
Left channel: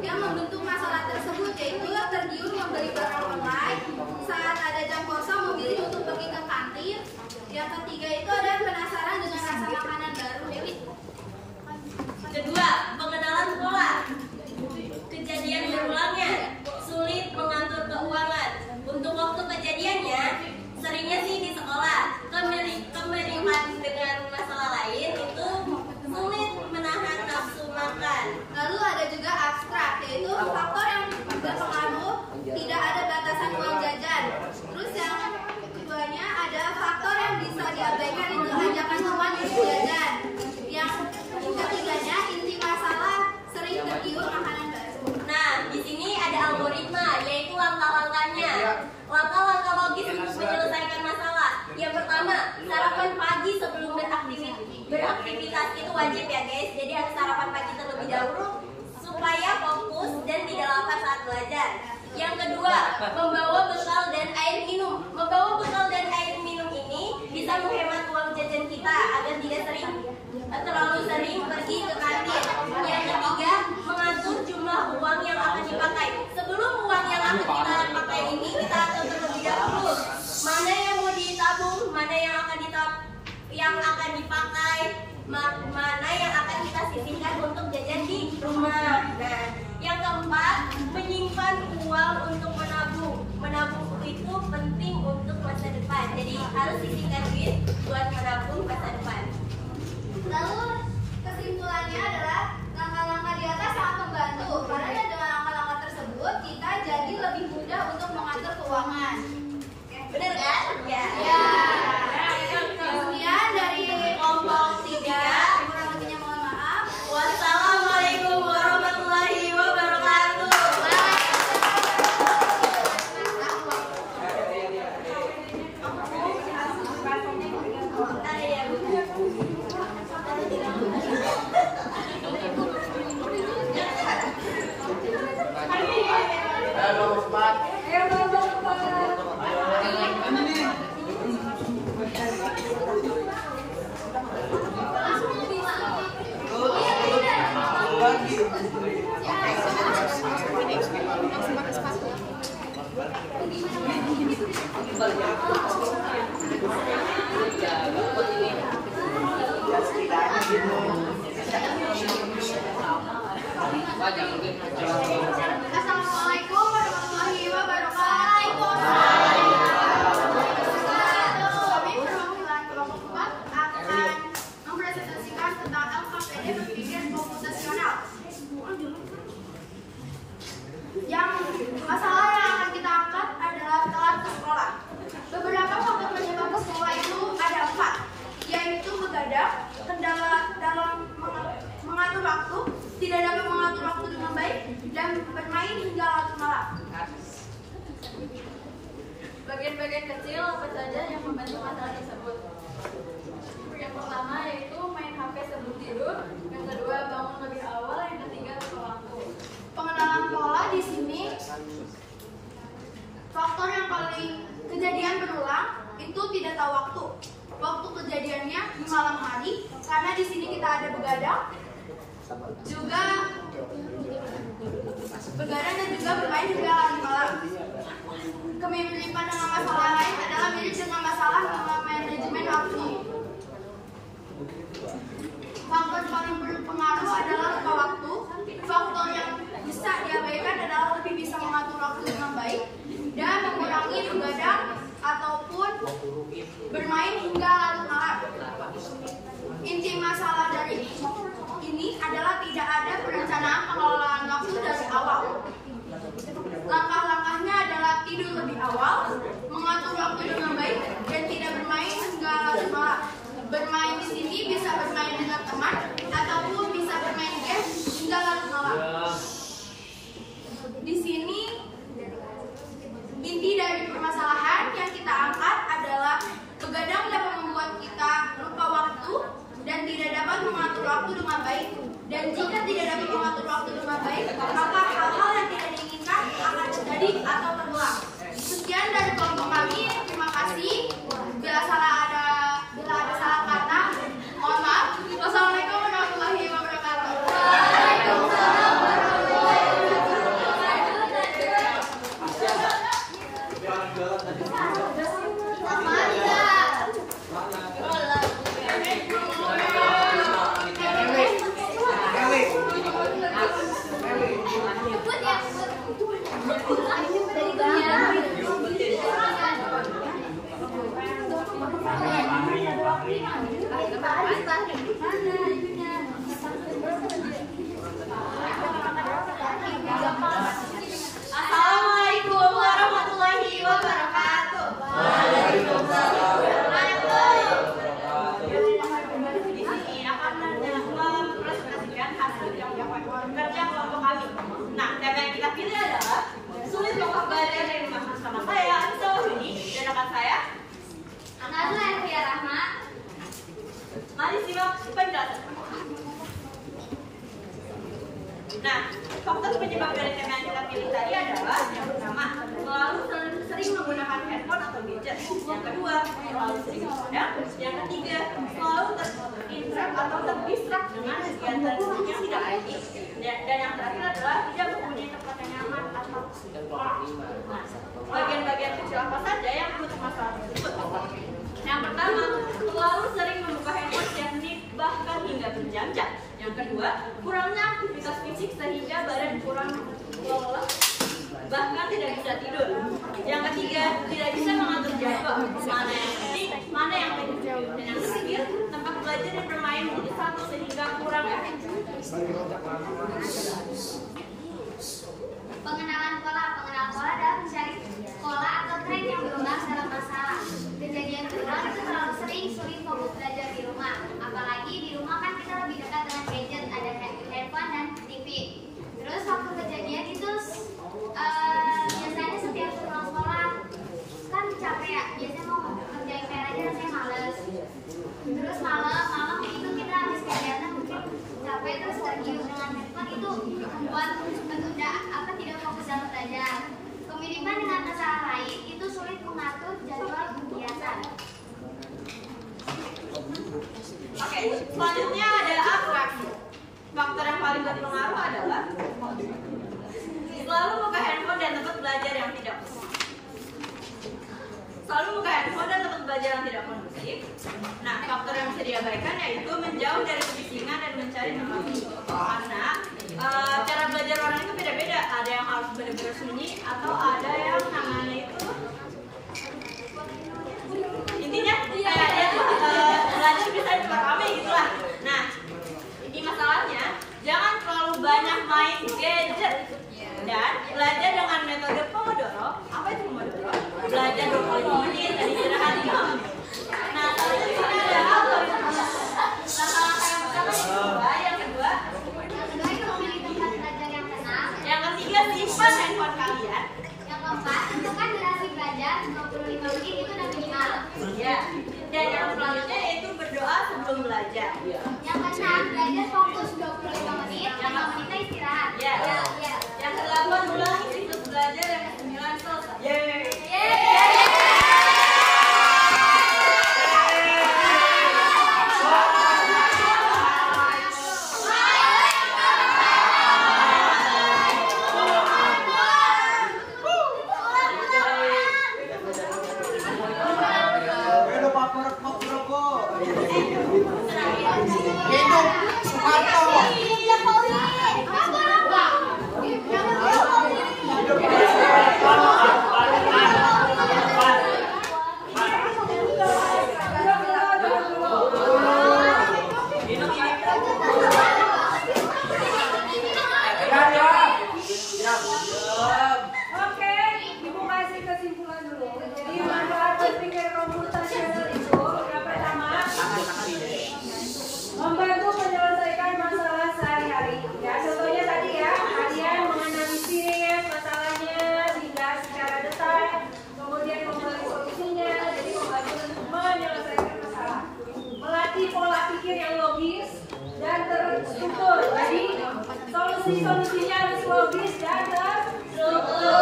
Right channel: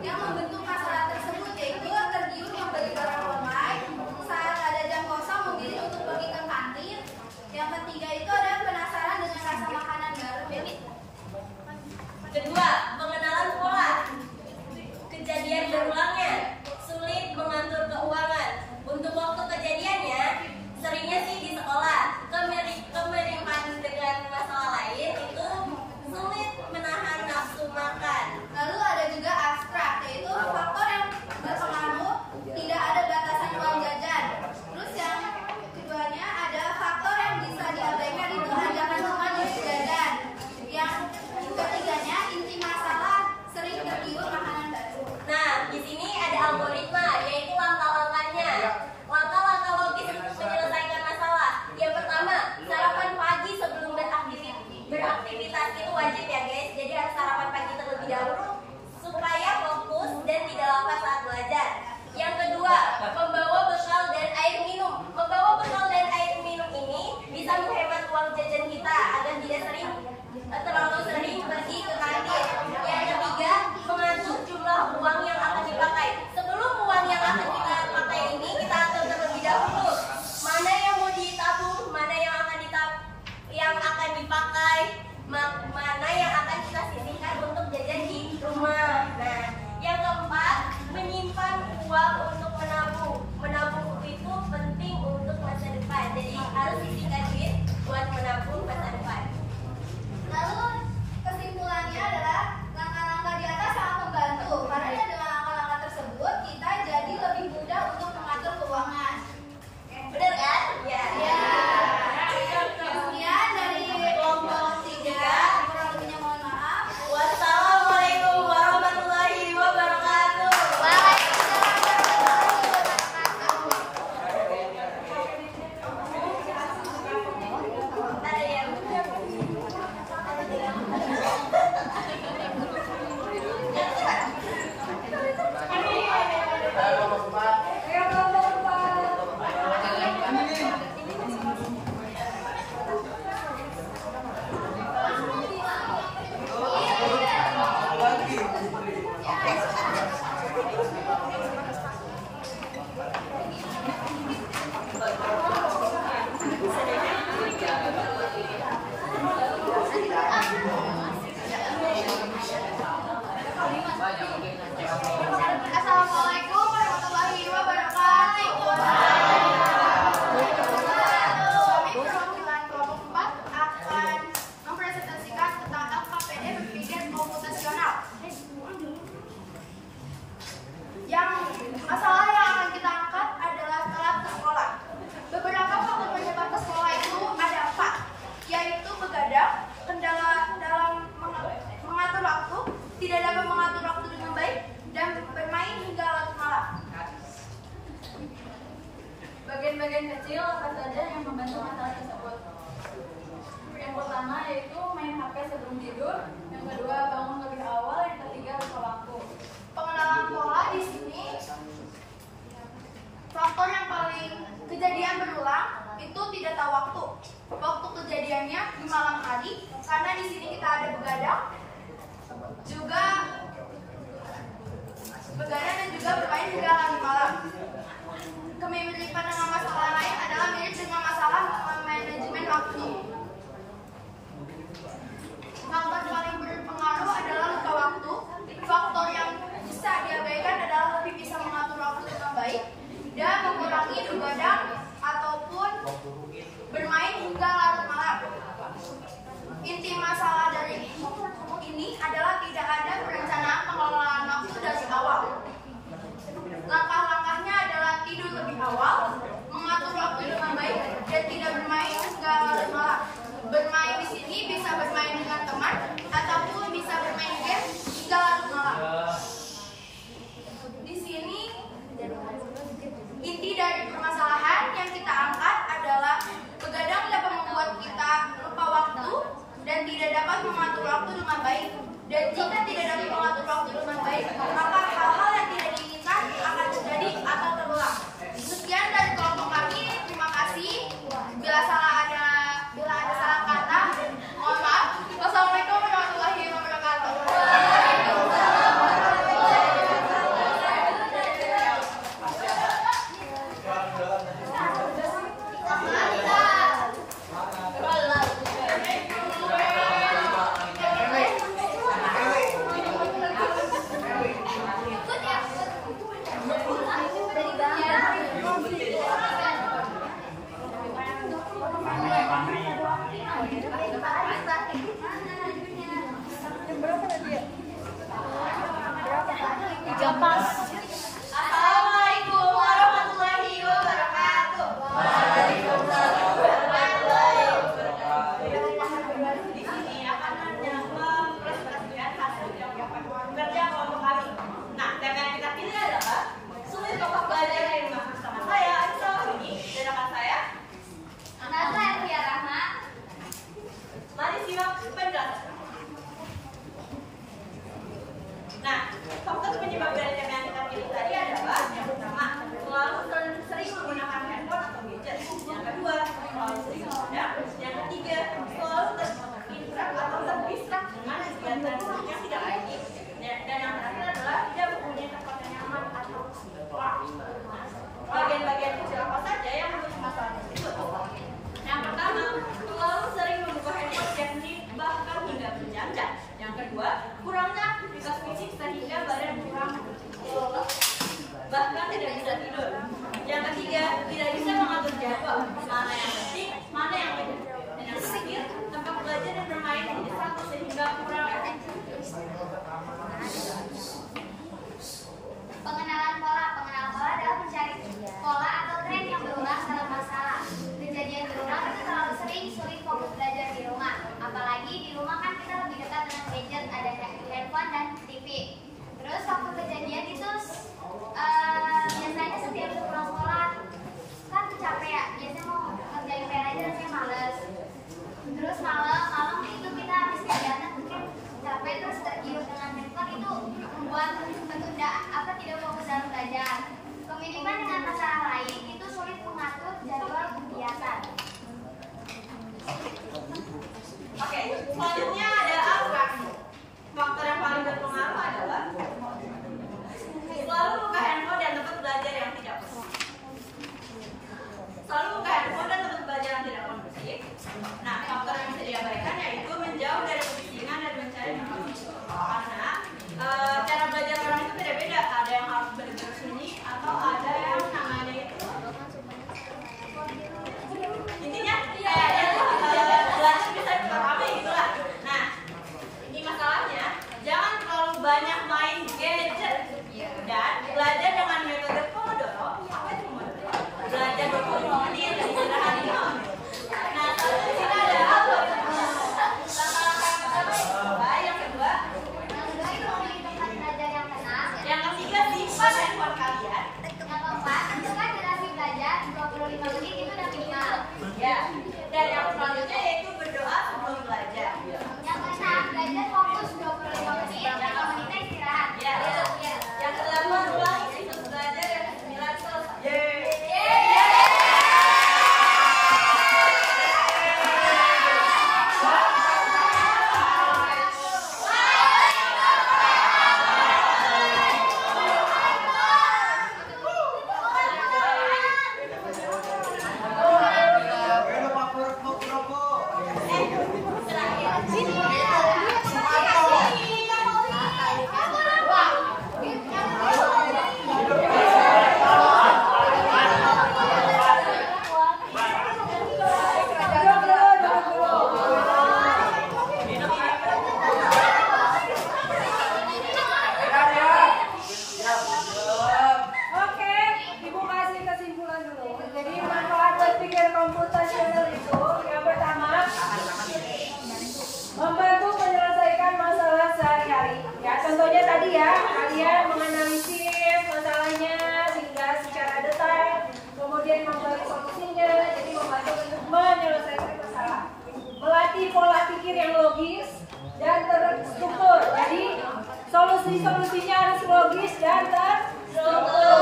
yang membentuk masalah tersebut, yaitu tergiur membeli barang online, saat ada jam kosong memilih untuk pergi ke kantin. Yang ketiga itu ada penasaran dengan rasa makanan baru. Kedua, pengenalan pola. Kejadian berulangnya, sulit mengatur keuangan. Untuk waktu kejadiannya, seringnya sih di sekolah. Kemiripan dahulu supaya fokus dan tidak lapar saat belajar. Yang kedua, membawa bekal dan air minum. Membawa bekal dan air minum ini bisa menghemat uang jajan kita agar tidak terlalu sering pergi ke kantin. Yang ketiga, mengatur jumlah uang yang akan dipakai. Sebelum uang yang akan kita pakai ini, kita atur terlebih dahulu mana yang mau ditabung, mana yang akan dipakai, mana yang akan kita sisihkan untuk jajan di rumah. Nah, yang keempat, menyimpan uang untuk menabung. Menabung itu penting untuk masa depan. Jadi harus sisihkan duit buat menabung masa depan. Lalu kesimpulannya adalah langkah-langkah di atas sangat membantu karena dengan langkah-langkah tersebut kita jadi lebih mudah untuk mengatur keuangan. Benar kan? Ya. Ya. Kemudian dari kelompok 3, kurang lebihnya mohon maaf. Wassalamualaikum warahmatullahi wabarakatuh. Assalamualaikum warahmatullahi wabarakatuh. Kami perwakilan kelompok 4 akan mempresentasikan tentang LKPD berpikir komputasional. Yang masalah yang akan kita angkat adalah telat ke sekolah. Beberapa faktor penyebab ke sekolah itu ada 4, yaitu begadang, kendala dalam mengatur waktu, tidak dapat mengatur waktu dengan baik, dan bermain hingga larut malam. Bagian-bagian kecil apa saja yang membantu masalah tersebut? Yang pertama yaitu main HP sebelum tidur, yang kedua bangun lebih awal, yang ketiga lupa waktu. Pengenalan pola di sini, faktor yang paling kejadian berulang itu tidak tahu waktu. Waktu kejadiannya di malam hari, karena di sini kita ada begadang, dan juga bermain hingga larut malam. Kemiripan dengan masalah lain adalah mirip dengan masalah manajemen waktu. Faktor paling berpengaruh adalah lupa waktu. Faktor yang bisa diabaikan adalah lebih bisa mengatur waktu dengan baik dan mengurangi begadang ataupun bermain hingga larut malam. Inti masalah dari ini adalah tidak ada perencanaan pengelolaan waktu dari awal. Langkah-langkahnya adalah tidur lebih awal, mengatur waktu dengan baik, dan tidak bermain hingga larut malam. Bermain di sini bisa bermain dengan teman ataupun bisa bermain game hingga larut malam. Di sini inti dari permasalahan yang kita angkat adalah begadang dapat membuat kita lupa waktu dan tidak dapat mengatur waktu dengan baik. Dan jika tidak dapat mengatur waktu dengan baik, maka hal-hal yang tidak diinginkan akan terjadi atau terulang. Sekian dari kelompok kami. Terima kasih. Bila ada salah kata, mohon maaf. Wassalamualaikum warahmatullahi wabarakatuh. Assalamualaikum warahmatullahi wabarakatuh. Di sini akan mempresentasikan hasil kerja kelompok kami. Nah, tema yang kita pilih adalah sulit untuk belajar dari rumah. Sama saya, Anissa Wahyuni, dan rekan saya Nazla Ervia Rahma. Mari simak penjelasan. Nah, faktor penyebab dari tema yang kita pilih tadi adalah yang pertama, selalu sering menggunakan handphone atau gadget. Yang kedua, selalu sering begadang. Yang ketiga, selalu terinterap atau terdistrak dengan kegiatan yang tidak penting. Dan yang terakhir adalah tidak mempunyai tempat yang nyaman atau sekolah. Nah, bagian-bagian kecil apa saja yang menutup masalah tersebut? Yang pertama, selalu sering membuka handphone setiap menit bahkan hingga berjam-jam. Yang kedua, kurangnya aktivitas fisik sehingga badan kurang lelah bahkan tidak bisa tidur. Yang ketiga, tidak bisa mengatur jadwal mana yang penting, mana yang tidak. Dan yang terakhir, tempat belajar dan bermain menjadi satu sehingga kurang efektif. Pengenalan pola adalah mencari pola atau tren yang berulang dalam masalah. Kejadian berulang itu terlalu sering sulit fokus belajar di rumah. Apalagi di rumah kan kita lebih dekat dengan gadget, ada handphone dan TV. Terus waktu kejadian itu biasanya setiap pulang sekolah kan capek ya, biasanya mau kerjain PR aja rasanya males. Terus malam itu kita habis kegiatan mungkin capek terus tergiur dengan handphone, itu membuat menunda tidak fokus dalam belajar. Kemiripan dengan masalah lain itu sulit mengatur jadwal kegiatan. Oke, selanjutnya ada abstraksi. Faktor yang paling berpengaruh adalah selalu buka handphone dan tempat belajar yang tidak kondusif. Selalu buka handphone dan tempat belajar yang tidak kondusif. Nah, faktor yang bisa diabaikan yaitu menjauh dari kebisingan dan mencari tempat karena cara belajar orang itu beda-beda. Ada yang harus benar-benar sunyi atau ada yang namanya itu intinya kayaknya tuh belajar bisa cepat rame gitulah. Nah, ini masalahnya jangan terlalu banyak main gadget dan belajar dengan metode Pomodoro. Apa itu Pomodoro? Belajar 25 menit dan istirahat 5 menit. Nah, selanjutnya di sini ada apa? Langkah-langkah yang pertama yang kedua itu pilih tempat belajar yang tenang. yang ketiga simpan handphone kalian. Yang keempat, tentukan durasi belajar 25 menit itu udah minimal. Ya. Dan yang selanjutnya yaitu berdoa sebelum belajar. Yang keenam, belajar fokus 25 menit, 5 menitnya istirahat. Ya. Yang kedelapan ulangi siklus belajar, yang kesembilan selesai. Oke, Ibu kasih kesimpulan dulu. Jadi manfaat berpikir komputasional itu yang pertama membantu menyelesaikan masalah sehari-hari. Ya, contohnya tadi ya, kalian menganalisis masalahnya sehingga secara detail, kemudian memberi solusinya, jadi membantu untuk menyelesaikan masalah. Melatih pola pikir yang logis dan terstruktur. Jadi solusi-solusinya harus logis dan terstruktur.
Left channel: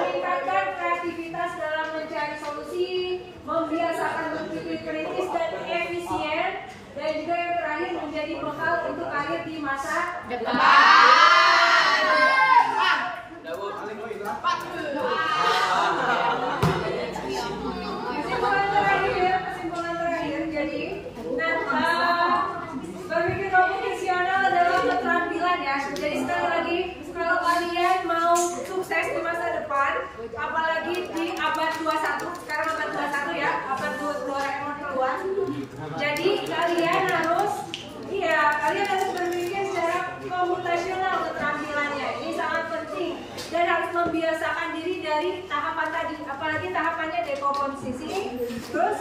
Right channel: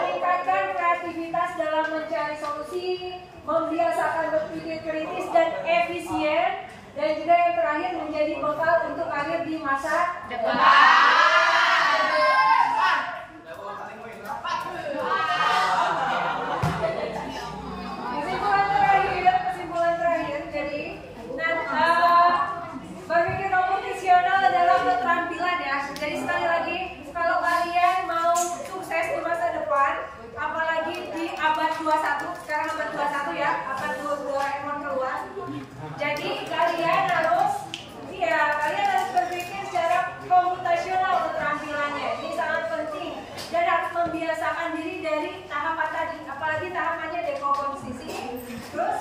Meningkatkan kreativitas dalam mencari solusi, membiasakan berpikir kritis dan efisien, dan juga yang terakhir menjadi bekal untuk karir di masa depan. Kesimpulan terakhir, jadi berpikir komputasional adalah keterampilan ya. Jadi sekali lagi, kalau kalian mau sukses di masa depan, apalagi di abad 21, sekarang abad 21 ya, abad 22 Doraemon keluar. Jadi kalian harus berpikir secara komputasional keterampilannya. Ini sangat penting dan harus membiasakan diri dari tahapan tadi, apalagi tahapannya dekomposisi, terus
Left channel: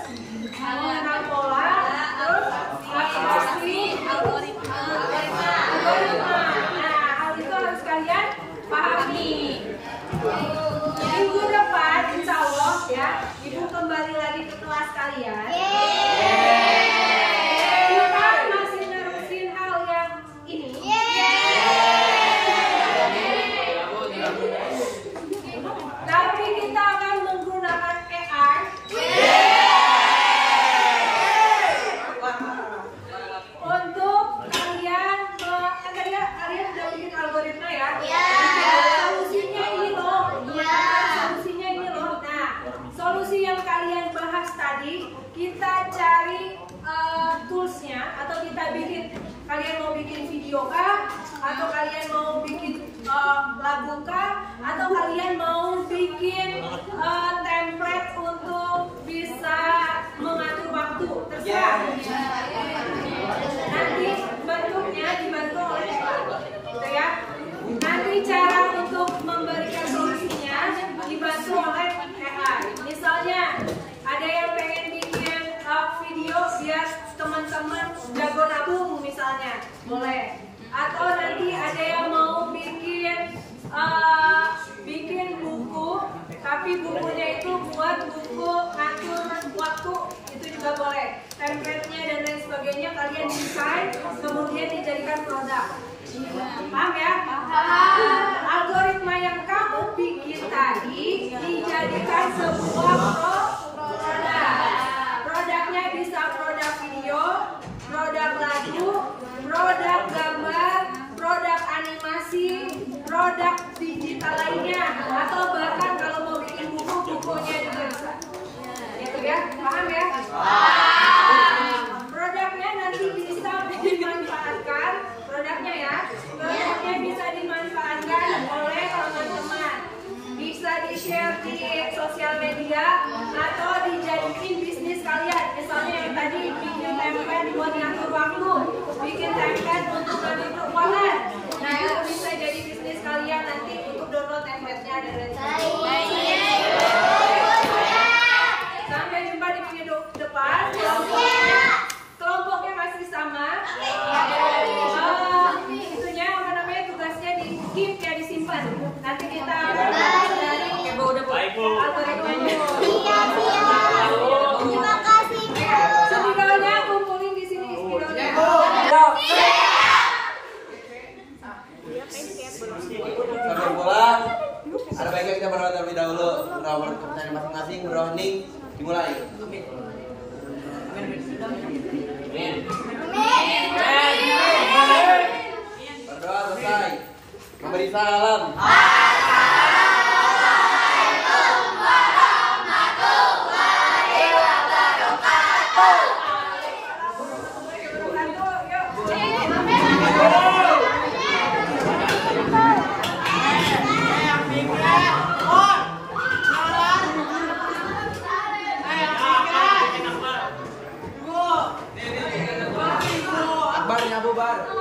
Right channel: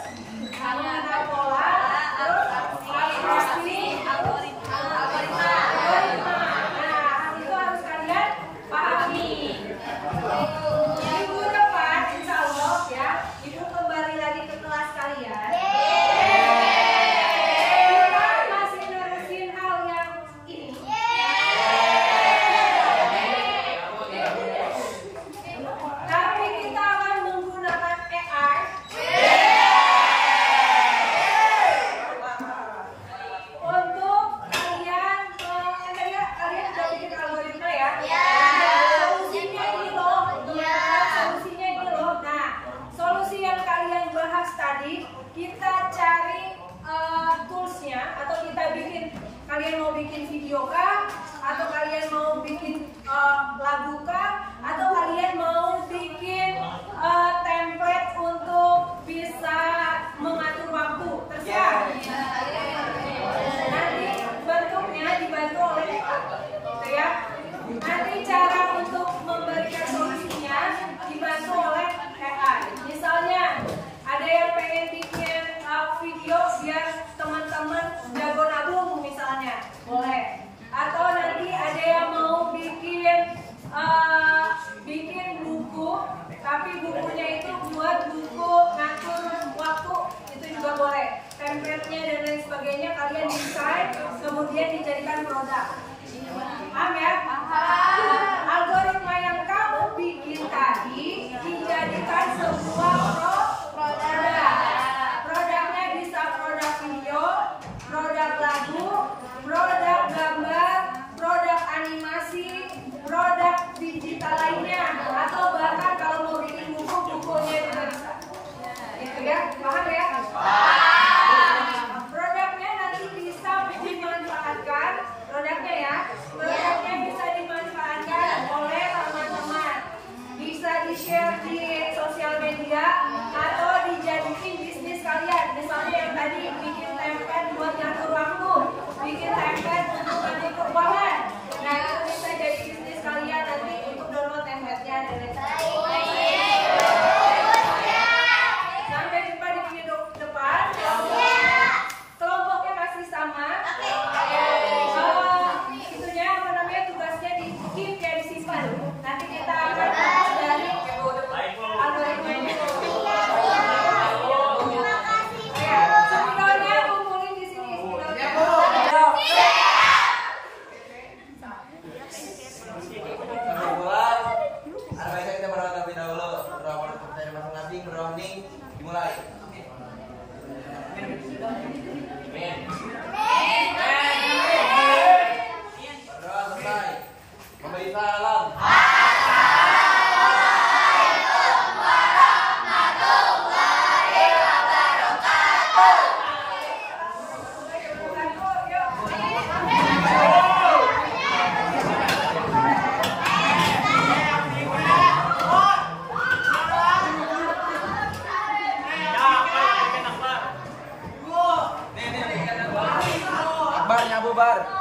mengenal pola, terus abstraksi, terus algoritma. Nah, hal itu harus kalian pahami. Minggu depan, insya Allah ya, Ibu kembali lagi ke kelas kalian. Kita masih nerusin hal yang ini. bentuknya, atau kita bikin, kalian mau bikin video kah, atau kalian mau bikin lagu kah, atau kalian mau bikin template untuk bisa mengatur waktu, terserah. Nanti bentuknya dibantu oleh AI, gitu ya. Nanti cara untuk memberikan solusinya dibantu oleh AI. Misalnya ada yang pengen bikin video biar teman-teman jago nabung misalnya, boleh. Atau nanti ada yang mau bikin buku, tapi bukunya itu buat buku ngatur waktu, itu juga boleh. Template-nya dan lain sebagainya kalian desain, kemudian dijadikan produk. Paham ya? Algoritma yang kamu bikin tadi dijadikan sebuah produk. Produknya bisa produk video, produk lagu, produk gambar, produk animasi, produk digital lainnya, atau bahkan kalau mau bikin buku, bukunya juga bisa. Gitu ya, paham ya? Produknya nanti bisa dimanfaatkan, produknya ya, produknya bisa dimanfaatkan oleh teman-teman. Bisa di-share di sosial media atau dijadiin bisnis kalian. Misalnya yang tadi bikin template buat ngatur waktu, bikin template untuk ngatur keuangan. Nah itu bisa jadi bisnis kalian nanti untuk download template-nya dan lain sebagainya. Sampai jumpa di minggu depan. Kelompoknya masih sama. Itunya apa namanya, tugasnya di keep ya, disimpan. Nanti kita akan bahas dari algoritmanya. Terima kasih. Spidolnya kumpulin di sini, spidolnya. Sampai pulang, ada baiknya kita berdoa terlebih dahulu. Berdoa kepercayaan masing-masing, berdoa hening, dimulai. Berdoa selesai. Memberi salam. Akbar nyabu bar.